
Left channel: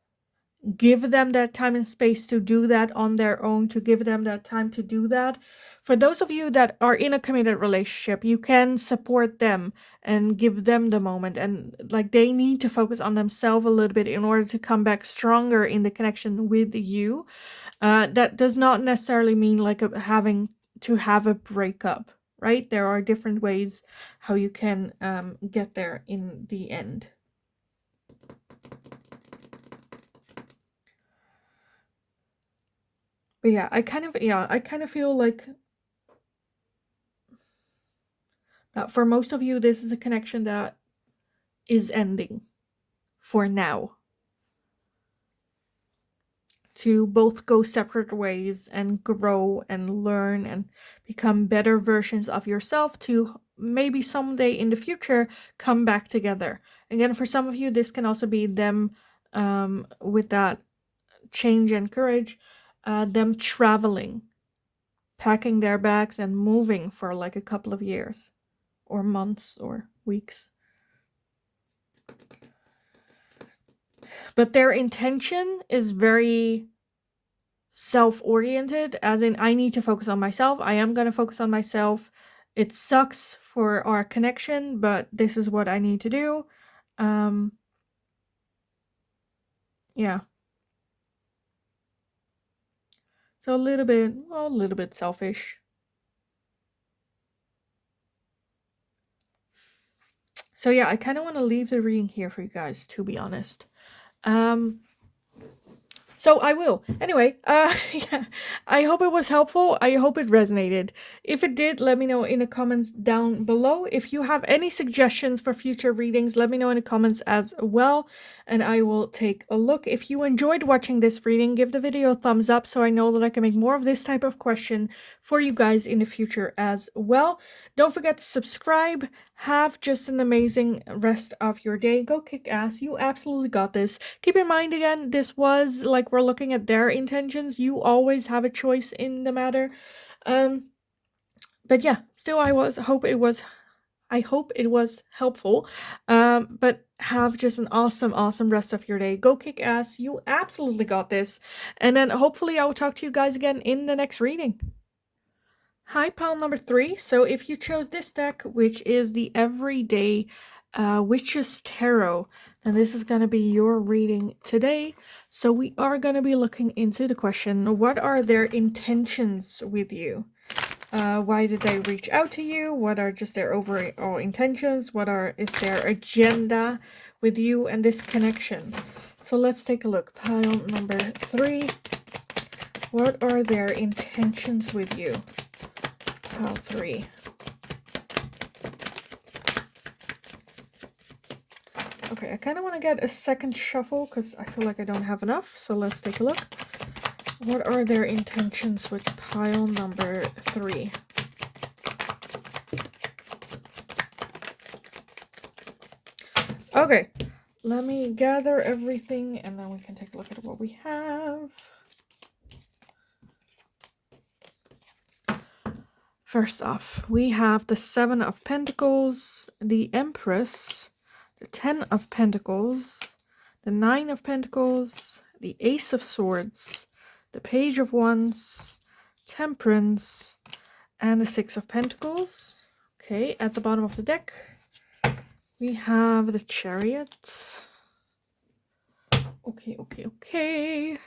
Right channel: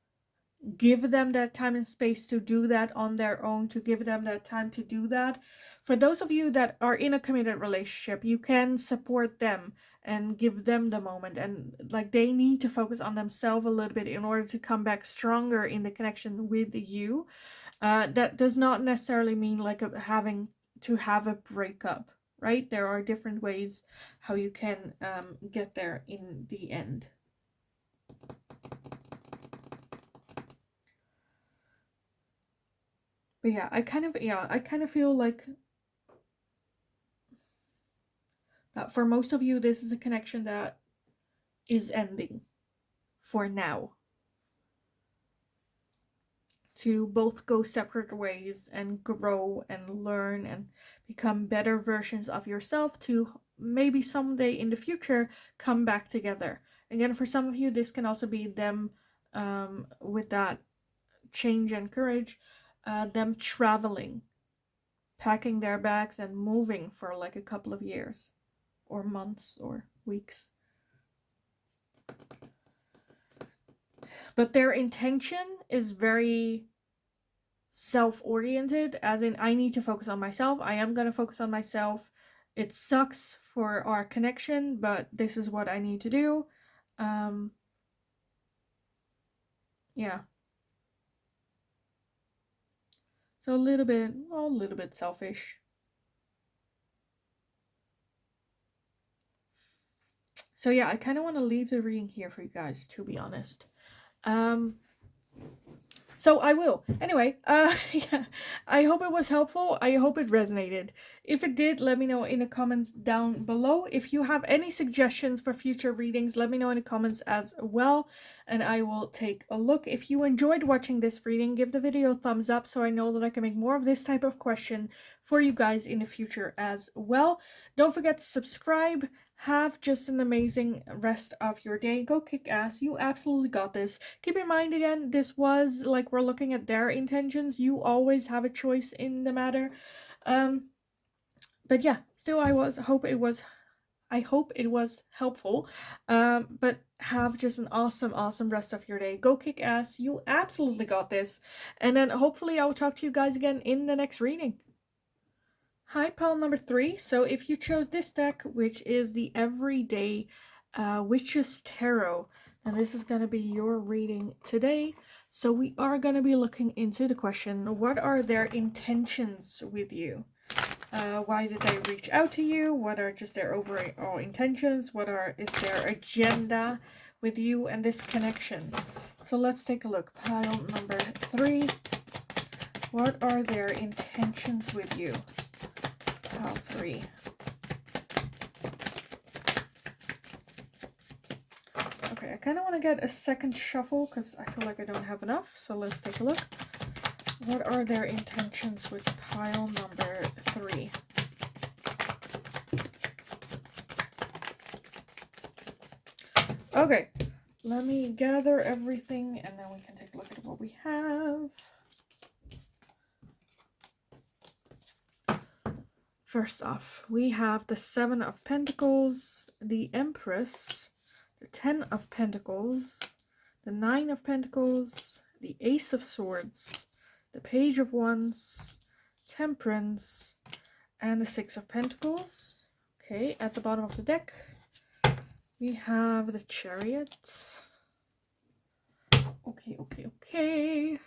Give them that time and space to do that on their own, to give them that time to do that. For those of you that are in a committed relationship, you can support them and give them the moment, and like they need to focus on themselves a little bit in order to come back stronger in the connection with you. That does not necessarily mean like having to have a breakup, right? There are different ways how you can get there in the end. But yeah, I kind of feel like that for most of you, this is a connection that is ending for now. To both go separate ways and grow and learn and become better versions of yourself, to maybe someday in the future come back together. Again, for some of you, this can also be them with that change and courage, them traveling, packing their bags and moving for like a couple of years or months or weeks. But their intention is very self-oriented, as in, I need to focus on myself. I am going to focus on myself. It sucks for our connection, but this is what I need to do. Yeah. So a little bit selfish. So yeah, I kind of want to leave the reading here for you guys, to be honest. So I will. Anyway, yeah, I hope it was helpful. I hope it resonated. If it did, let me know in the comments down below. If you have any suggestions for future readings, let me know in the comments as well, and I will take a look. If you enjoyed watching this reading, give the video a thumbs up so I know that I can make more of this type of question for you guys in the future as well. Don't forget to subscribe. Have just an amazing rest of your day. Go kick ass. You absolutely got this. Keep in mind, again, this was like we're looking at their intentions. You always have a choice in the matter. But yeah, still I hope it was helpful. But have just an awesome rest of your day. Go kick ass. You absolutely got this. And then hopefully I will talk to you guys again in the next reading. Hi, pile number 3. So if you chose this deck, which is the Everyday Witches Tarot, then this is going to be your reading today. So we are going to be looking into the question, what are their intentions with you? Why did they reach out to you? What are just their overall intentions? Is their agenda with you and this connection? So let's take a look. Pile number 3. What are their intentions with you? Pile 3. Okay, I kind of want to get a second shuffle because I feel like I don't have enough. So let's take a look. What are their intentions with pile number 3? Okay, let me gather everything and then we can take a look at what we have. First off, we have the 7 of Pentacles, the Empress, the 10 of Pentacles, the 9 of Pentacles, the Ace of Swords, the Page of Wands, Temperance, and the 6 of Pentacles. Okay, at the bottom of the deck, We have the Chariot. Okay.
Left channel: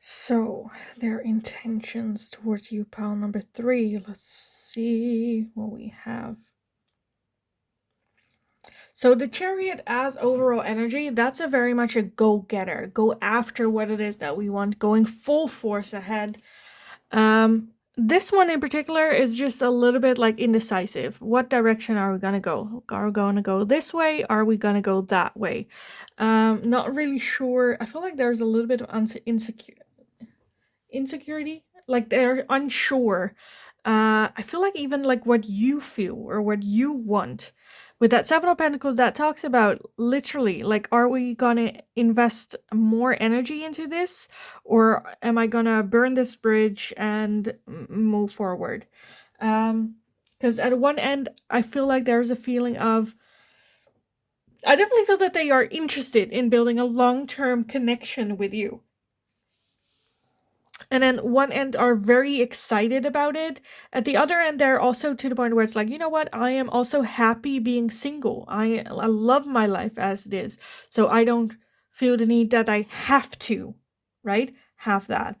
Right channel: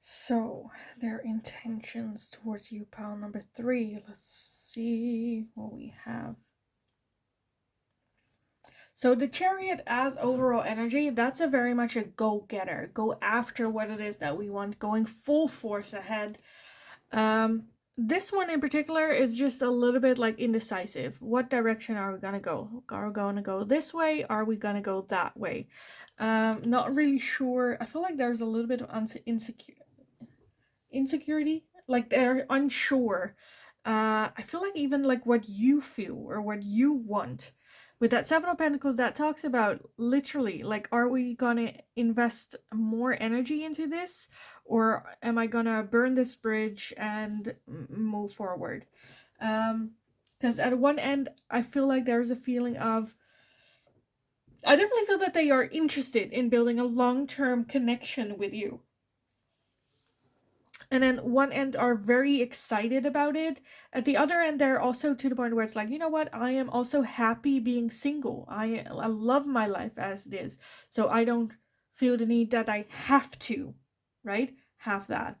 So, their intentions towards you, pile number 3. Let's see what we have. So the Chariot as overall energy, that's a very much a go-getter. Go after what it is that we want, going full force ahead. This one in particular is just a little bit like indecisive. What direction are we going to go? Are we going to go this way? Are we going to go that way? Not really sure. I feel like there's a little bit of insecurity. Like they're unsure. I feel like even like what you feel or what you want. With that 7 of Pentacles, that talks about literally, like, are we going to invest more energy into this? Or am I going to burn this bridge and move forward? Because at one end, I feel like there's a feeling of, I definitely feel that they are interested in building a long-term connection with you. And then one end are very excited about it. At the other end, they're also to the point where it's like, you know what? I am also happy being single. I love my life as it is. So I don't feel the need that I have to, right? Have that.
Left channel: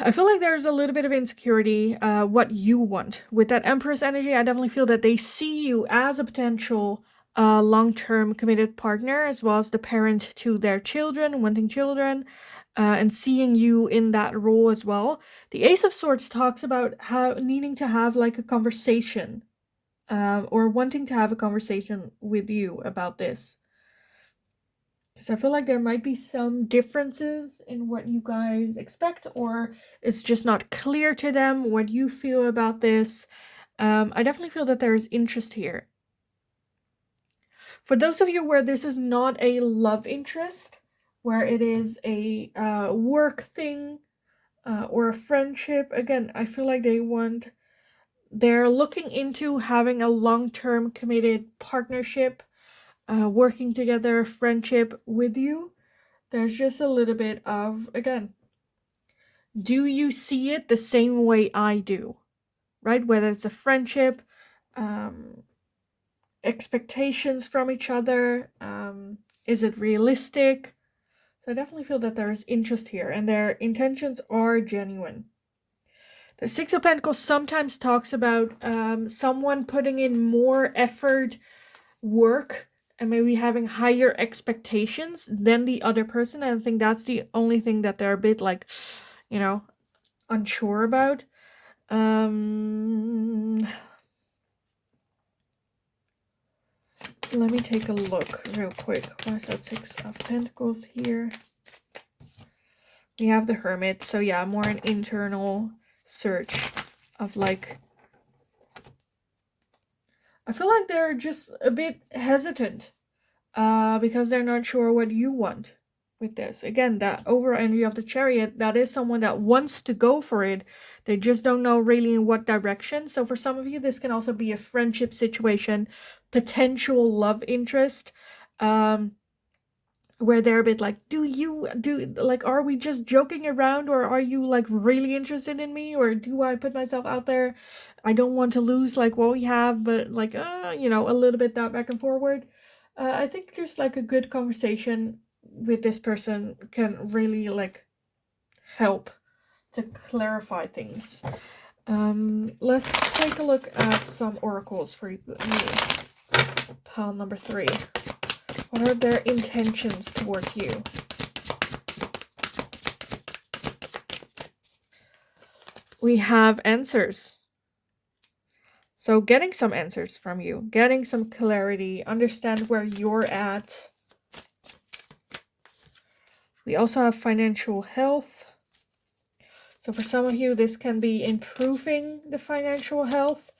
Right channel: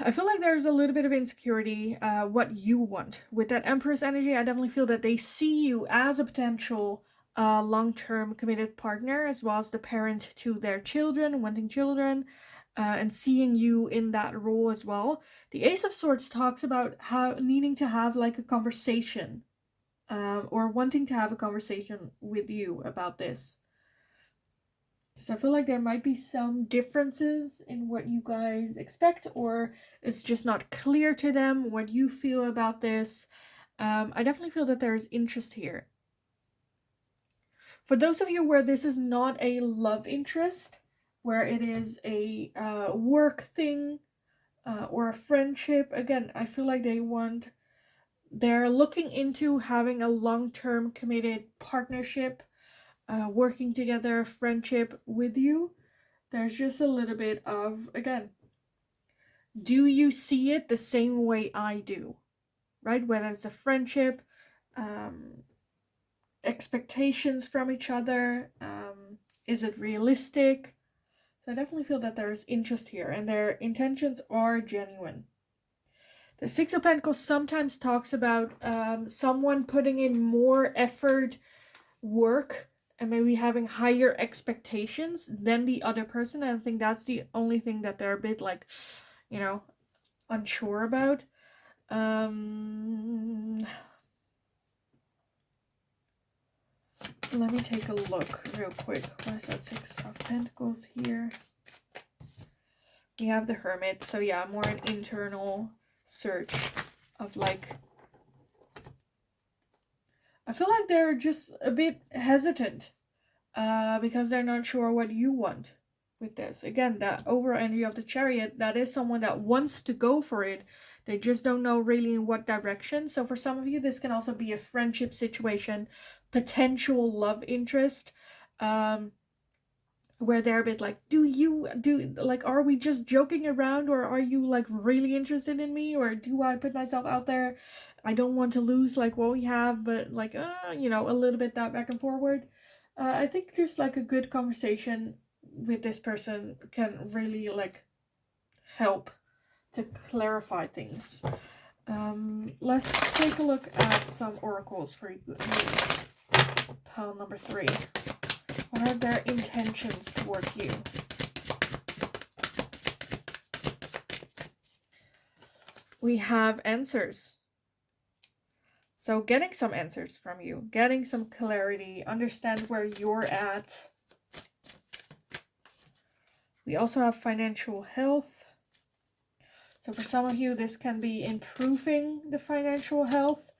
I feel like there's a little bit of insecurity, what you want. With that Empress energy, I definitely feel that they see you as a potential long-term committed partner, as well as the parent to their children, wanting children. And seeing you in that role as well. The Ace of Swords talks about how needing to have like a conversation or wanting to have a conversation with you about this. Because I feel like there might be some differences in what you guys expect, or it's just not clear to them what you feel about this. I definitely feel that there's interest here. For those of you where this is not a love interest, where it is a work thing or a friendship, again, I feel like they're looking into having a long-term committed partnership, working together, friendship with you. There's just a little bit of, again, do you see it the same way I do, right? Whether it's a friendship, expectations from each other, is it realistic? So I definitely feel that there is interest here and their intentions are genuine. The 6 of Pentacles sometimes talks about someone putting in more effort, work, and maybe having higher expectations than the other person. And I think that's the only thing that they're a bit like, you know, unsure about. Let me take a look real quick. Why is that 6 of Pentacles here? We have the Hermit, so yeah, more an internal search of like, I feel like they're just a bit hesitant because they're not sure what you want with this. Again, that overall energy of the Chariot, that is someone that wants to go for it. They just don't know really in what direction. So for some of you, this can also be a friendship situation, potential love interest, where they're a bit like, are we just joking around, or are you like really interested in me, or do I put myself out there? I don't want to lose like what we have, but like, you know, a little bit that back and forward. I think just like a good conversation with this person can really like help to clarify things. Let's take a look at some oracles for you. Pile number 3. What are their intentions towards you? We have answers. So getting some answers from you, getting some clarity, understand where you're at. We also have financial health. So for some of you, this can be improving the financial health.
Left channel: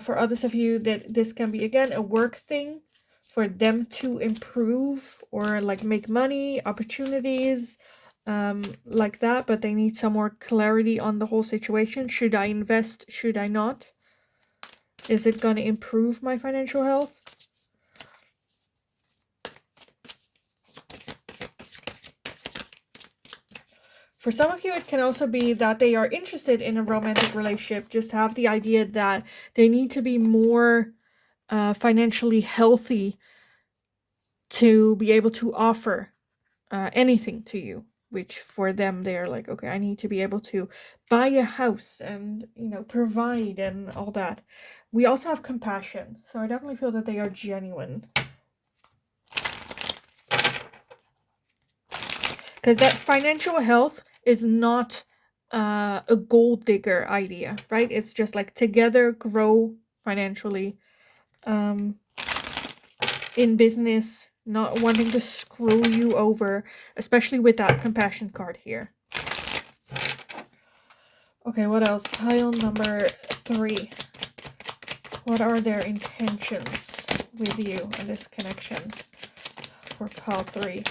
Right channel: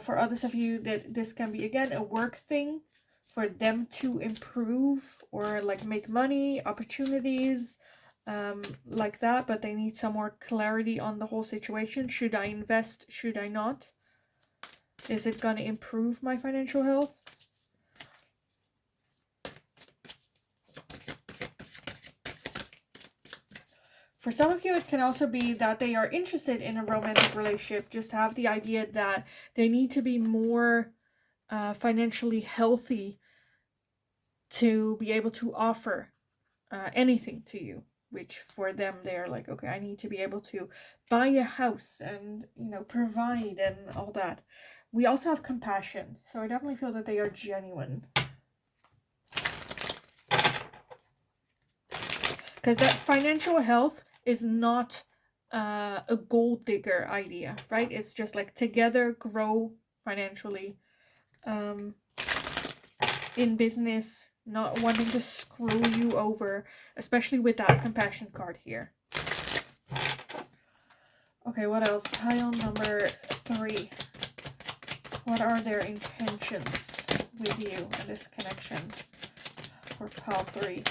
For others of you, that this can be, again, a work thing for them to improve or like make money, opportunities, like that, but they need some more clarity on the whole situation. Should I invest? Should I not? Is it going to improve my financial health? For some of you, it can also be that they are interested in a romantic relationship, just have the idea that they need to be more financially healthy to be able to offer anything to you, which for them they're like, okay, I need to be able to buy a house and, you know, provide and all that. We also have compassion, so I definitely feel that they are genuine, because that financial health is not a gold digger idea, right? It's just like together grow financially, in business, not wanting to screw you over, especially with that compassion card here. Okay, what else? Pile number 3. What are their intentions with you and this connection for pile 3?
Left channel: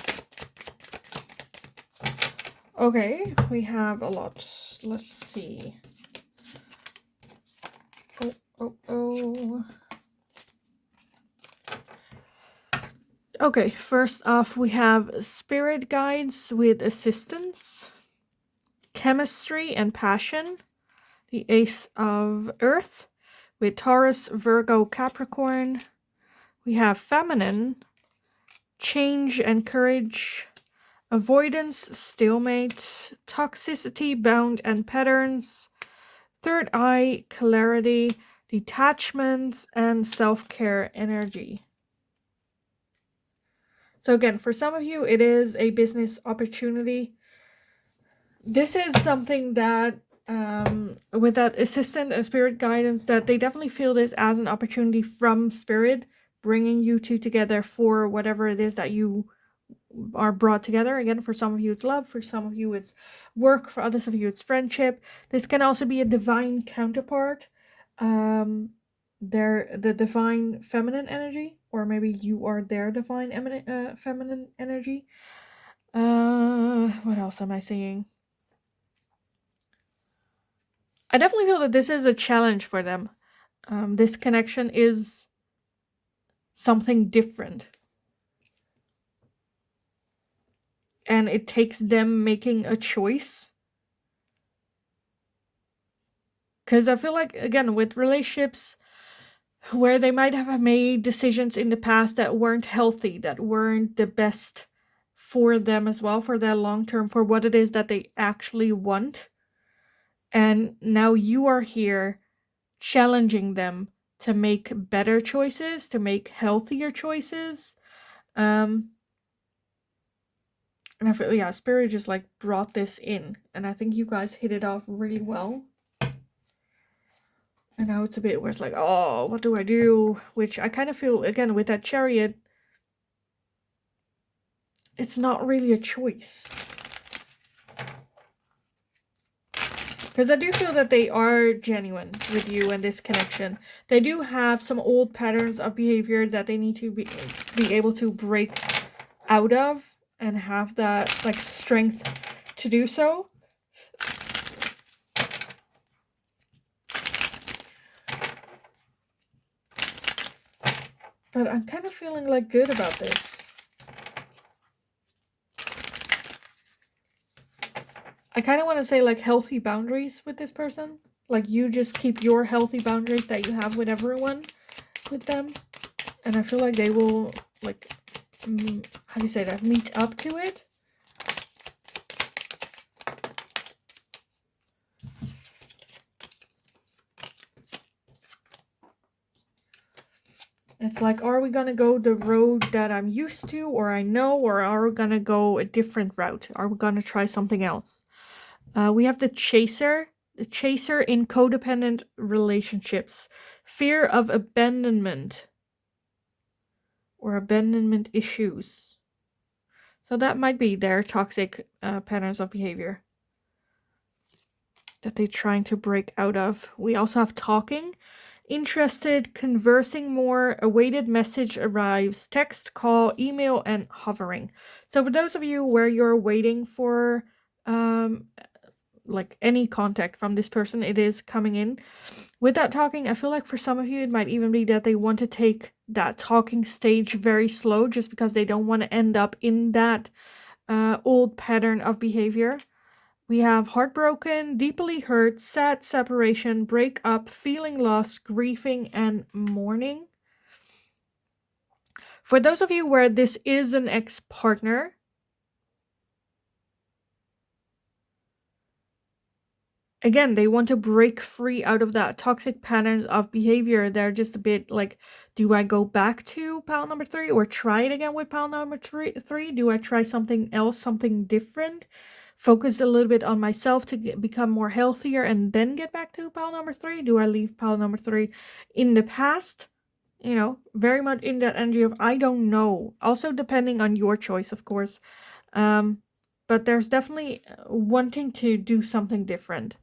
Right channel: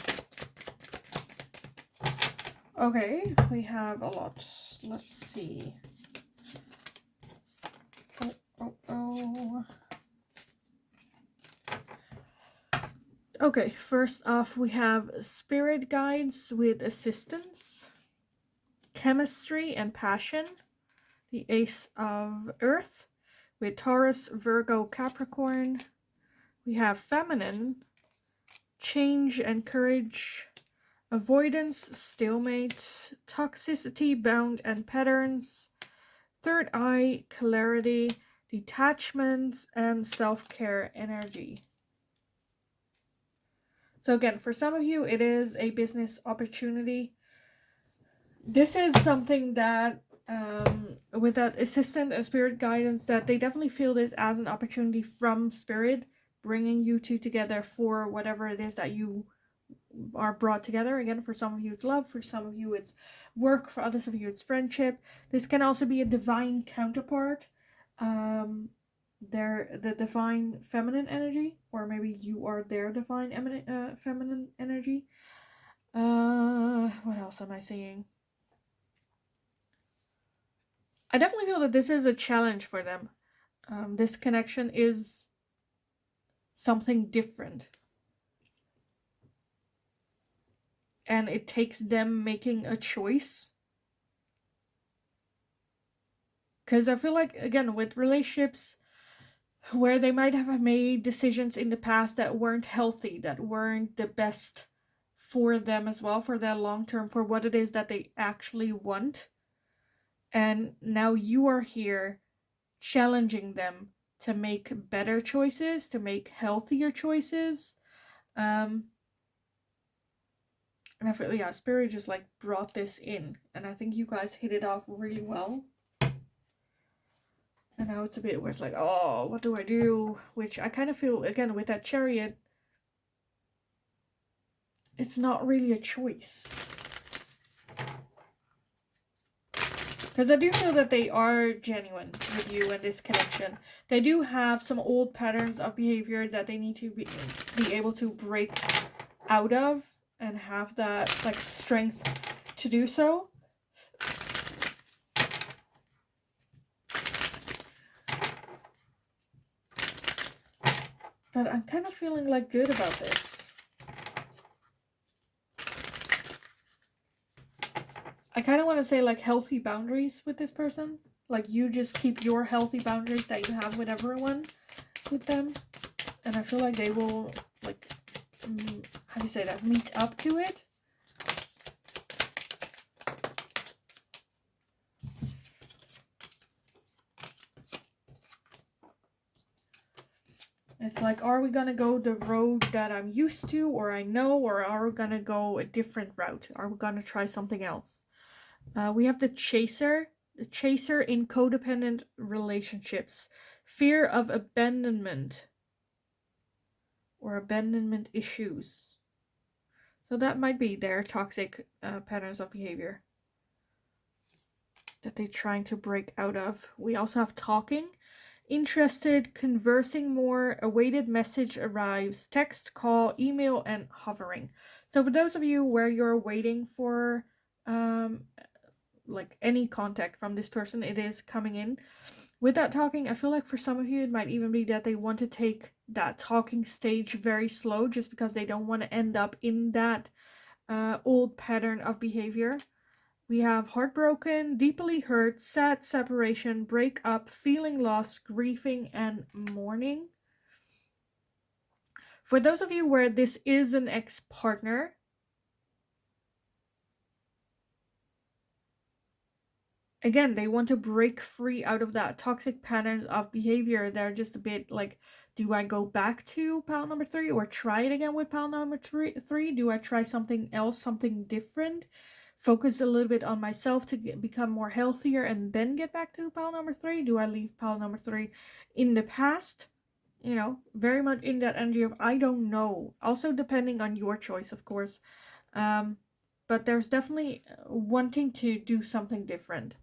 Okay, we have a lot. Let's see. Oh. Okay, first off, we have spirit guides with assistance, chemistry and passion, the Ace of Earth with Taurus, Virgo, Capricorn. We have feminine, change and courage, avoidance, stalemate, toxicity, bound and patterns, third eye, clarity, detachment, and self-care energy. So again, for some of you, it is a business opportunity. This is something that, with that assistant and spirit guidance, that they definitely feel this as an opportunity from spirit, bringing you two together for whatever it is that you are brought together. Again, for some of you it's love, for some of you it's work, for others of you it's friendship. This can also be a divine counterpart. They're the divine feminine energy, or maybe you are their divine feminine energy. What else am I seeing? I definitely feel that this is a challenge for them. This connection is something different, and it takes them making a choice. Because I feel like, again, with relationships where they might have made decisions in the past that weren't healthy, that weren't the best for them as well, for their long term, for what it is that they actually want. And now you are here challenging them to make better choices, to make healthier choices. And I feel, yeah, Spirit just like brought this in, and I think you guys hit it off really well. And now it's a bit where it's like, oh, what do I do? Which I kind of feel, again, with that Chariot, it's not really a choice. Because I do feel that they are genuine with you and this connection. They do have some old patterns of behavior that they need to be able to break out of, and have that like strength to do so. But I'm kind of feeling like good about this. I kind of want to say like healthy boundaries with this person. Like you just keep your healthy boundaries that you have with everyone with them. And I feel like they will like, how do you say that? Meet up to it. It's like, are we gonna go the road that I'm used to or I know, or are we gonna go a different route? Are we gonna try something else? We have the chaser in codependent relationships, fear of abandonment or abandonment issues. So that might be their toxic patterns of behavior that they're trying to break out of. We also have talking, interested, conversing more, awaited message arrives, text, call, email, and hovering. So for those of you where you're waiting for like any contact from this person, it is coming in. With that talking, I feel like for some of you it might even be that they want to take that talking stage very slow, just because they don't want to end up in that old pattern of behavior. We have heartbroken, deeply hurt, sad separation, breakup, feeling lost, grieving, and mourning. For those of you where this is an ex-partner, again, they want to break free out of that toxic pattern of behavior. They're just a bit like, do I go back to pile number 3 or try it again with pile number 3? Do I try something else, something different? Focus a little bit on myself to become more healthier and then get back to pile number 3? Do I leave pile number 3 in the past? You know, very much in that energy of I don't know. Also depending on your choice, of course. But there's definitely wanting to do something different.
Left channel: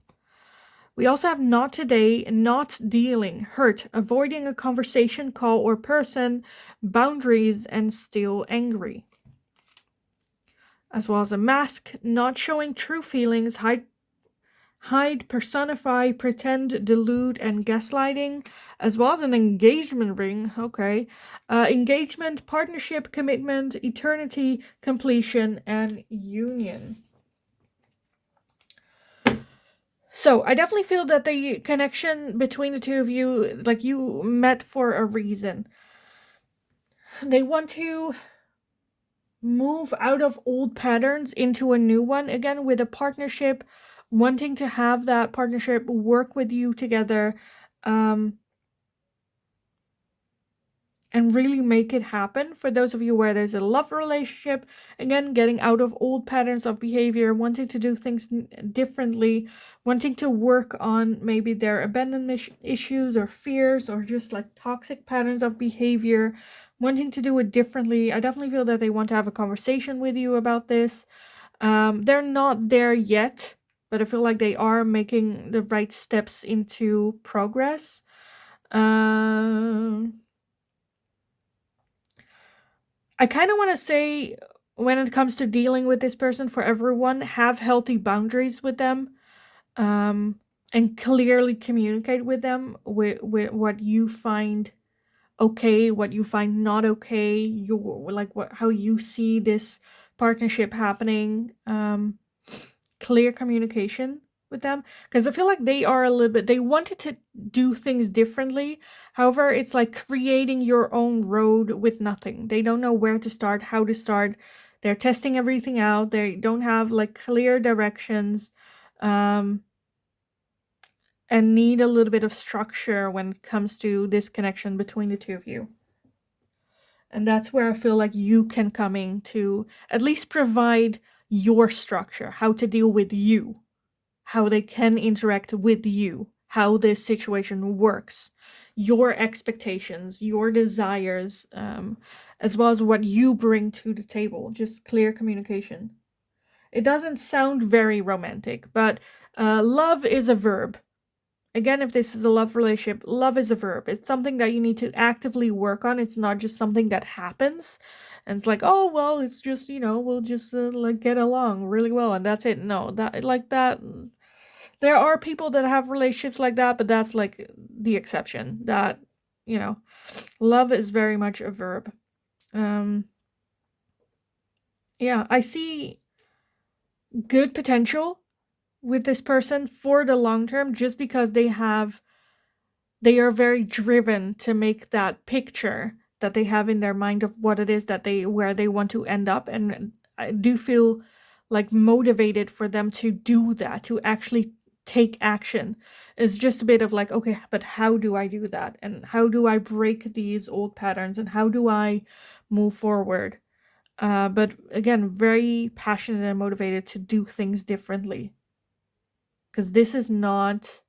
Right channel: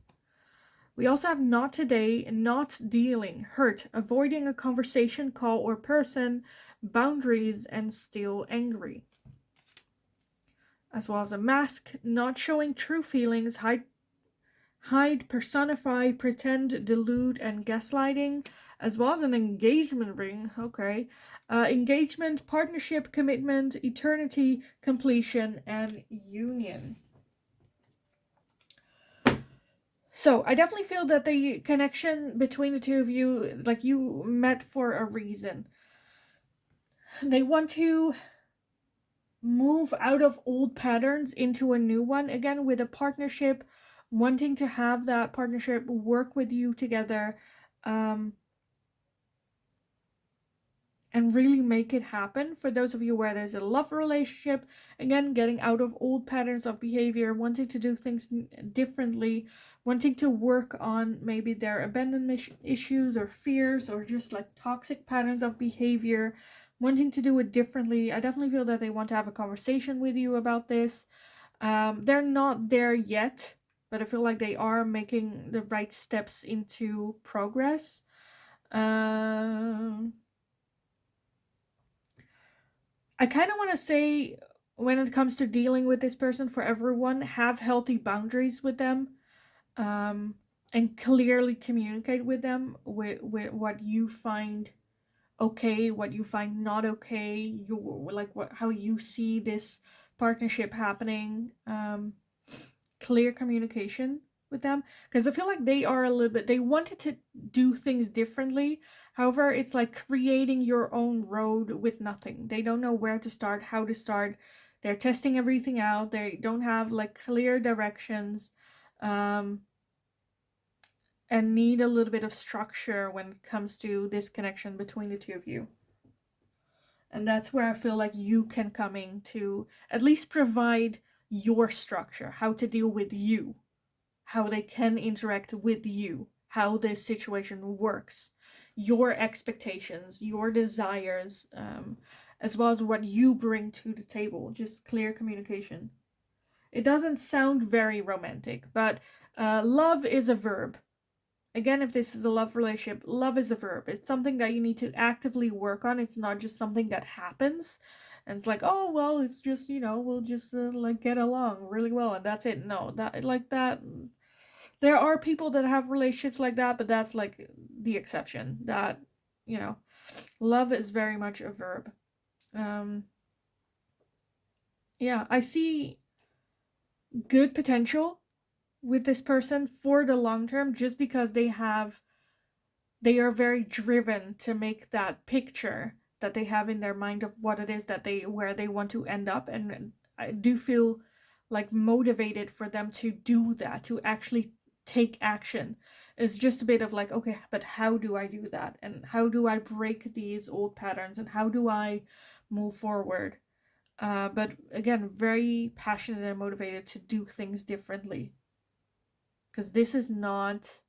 We also have not today, not dealing, hurt, avoiding a conversation, call, or person, boundaries, and still angry. As well as a mask, not showing true feelings, hide, personify, pretend, delude, and gaslighting, as well as an engagement ring. Okay. Engagement, partnership, commitment, eternity, completion, and union. So I definitely feel that the connection between the two of you, like you met for a reason. They want to move out of old patterns into a new one, again, with a partnership, wanting to have that partnership work with you together, and really make it happen. For those of you where there's a love relationship, again, getting out of old patterns of behavior, wanting to do things differently, wanting to work on maybe their abandonment issues or fears or just like toxic patterns of behavior, wanting to do it differently. I definitely feel that they want to have a conversation with you about this. They're not there yet, but I feel like they are making the right steps into progress. I kind of want to say, when it comes to dealing with this person, for everyone, have healthy boundaries with them, and clearly communicate with them with what you find okay, what you find not okay, how you see this partnership happening. Clear communication with them, because I feel like they are a little bit, they wanted to do things differently. However, it's like creating your own road with nothing. They don't know where to start, how to start. They're testing everything out. They don't have like clear directions, and need a little bit of structure when it comes to this connection between the two of you. And that's where I feel like you can come in to at least provide your structure, how to deal with you, how they can interact with you, how this situation works, your expectations, your desires, as well as what you bring to the table. Just clear communication. It doesn't sound very romantic, but love is a verb. Again, if this is a love relationship, love is a verb. It's something that you need to actively work on. It's not just something that happens. And it's like, oh, well, it's just, we'll just like get along really well and that's it. No, that. There are people that have relationships like that, but that's like the exception. That, love is very much a verb. Yeah, I see good potential with this person for the long term, just because they are very driven to make that picture that they have in their mind of what it is that where they want to end up. And I do feel like motivated for them to do that, to actually take action. Is just a bit of like, okay, but how do I do that? And how do I break these old patterns? And how do I move forward? But again, very passionate and motivated to do things differently. Because this is not,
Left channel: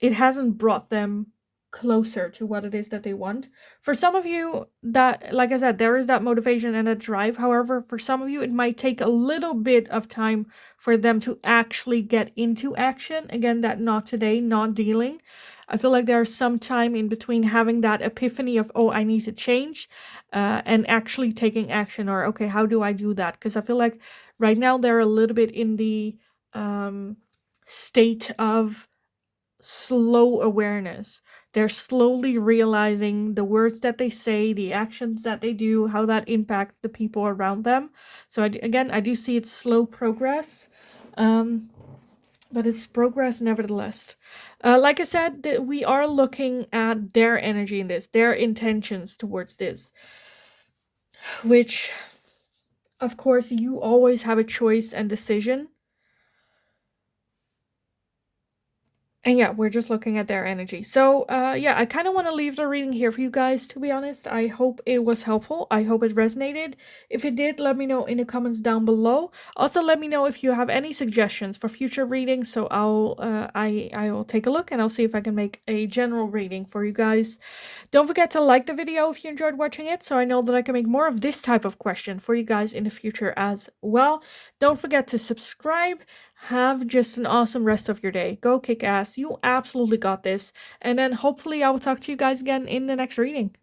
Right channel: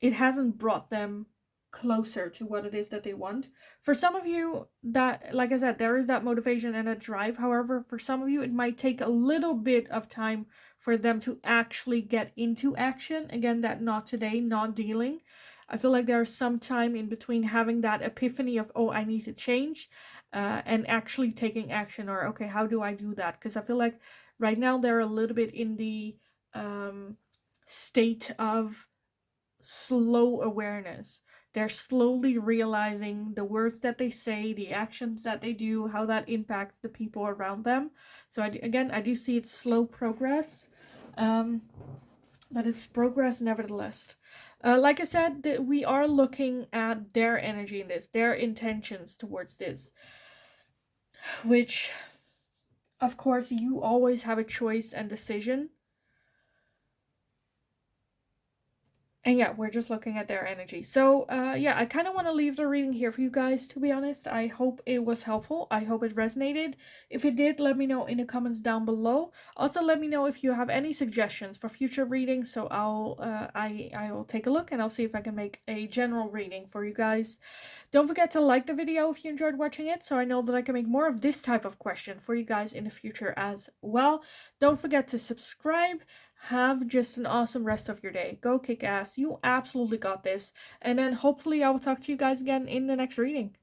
it hasn't brought them closer to what it is that they want. For some of you, that, like I said, there is that motivation and that drive. However, for some of you, it might take a little bit of time for them to actually get into action. Again, that not today, not dealing. I feel like there's some time in between having that epiphany of, oh, I need to change, and actually taking action, or, okay, how do I do that? Because I feel like right now they're a little bit in the state of slow awareness. They're slowly realizing the words that they say, the actions that they do, how that impacts the people around them. So I do see it's slow progress, but it's progress nevertheless. Like I said, that we are looking at their energy in this, their intentions towards this, which, of course, you always have a choice and decision. And yeah, we're just looking at their energy. So, yeah, I kind of want to leave the reading here for you guys, to be honest. I hope it was helpful. I hope it resonated. If it did, let me know in the comments down below. Also, let me know if you have any suggestions for future readings. So I'll take a look and I'll see if I can make a general reading for you guys. Don't forget to like the video if you enjoyed watching it, so I know that I can make more of this type of question for you guys in the future as well. Don't forget to subscribe. Have just an awesome rest of your day. Go kick ass. You absolutely got this. And then hopefully I will talk to you guys again in the next reading.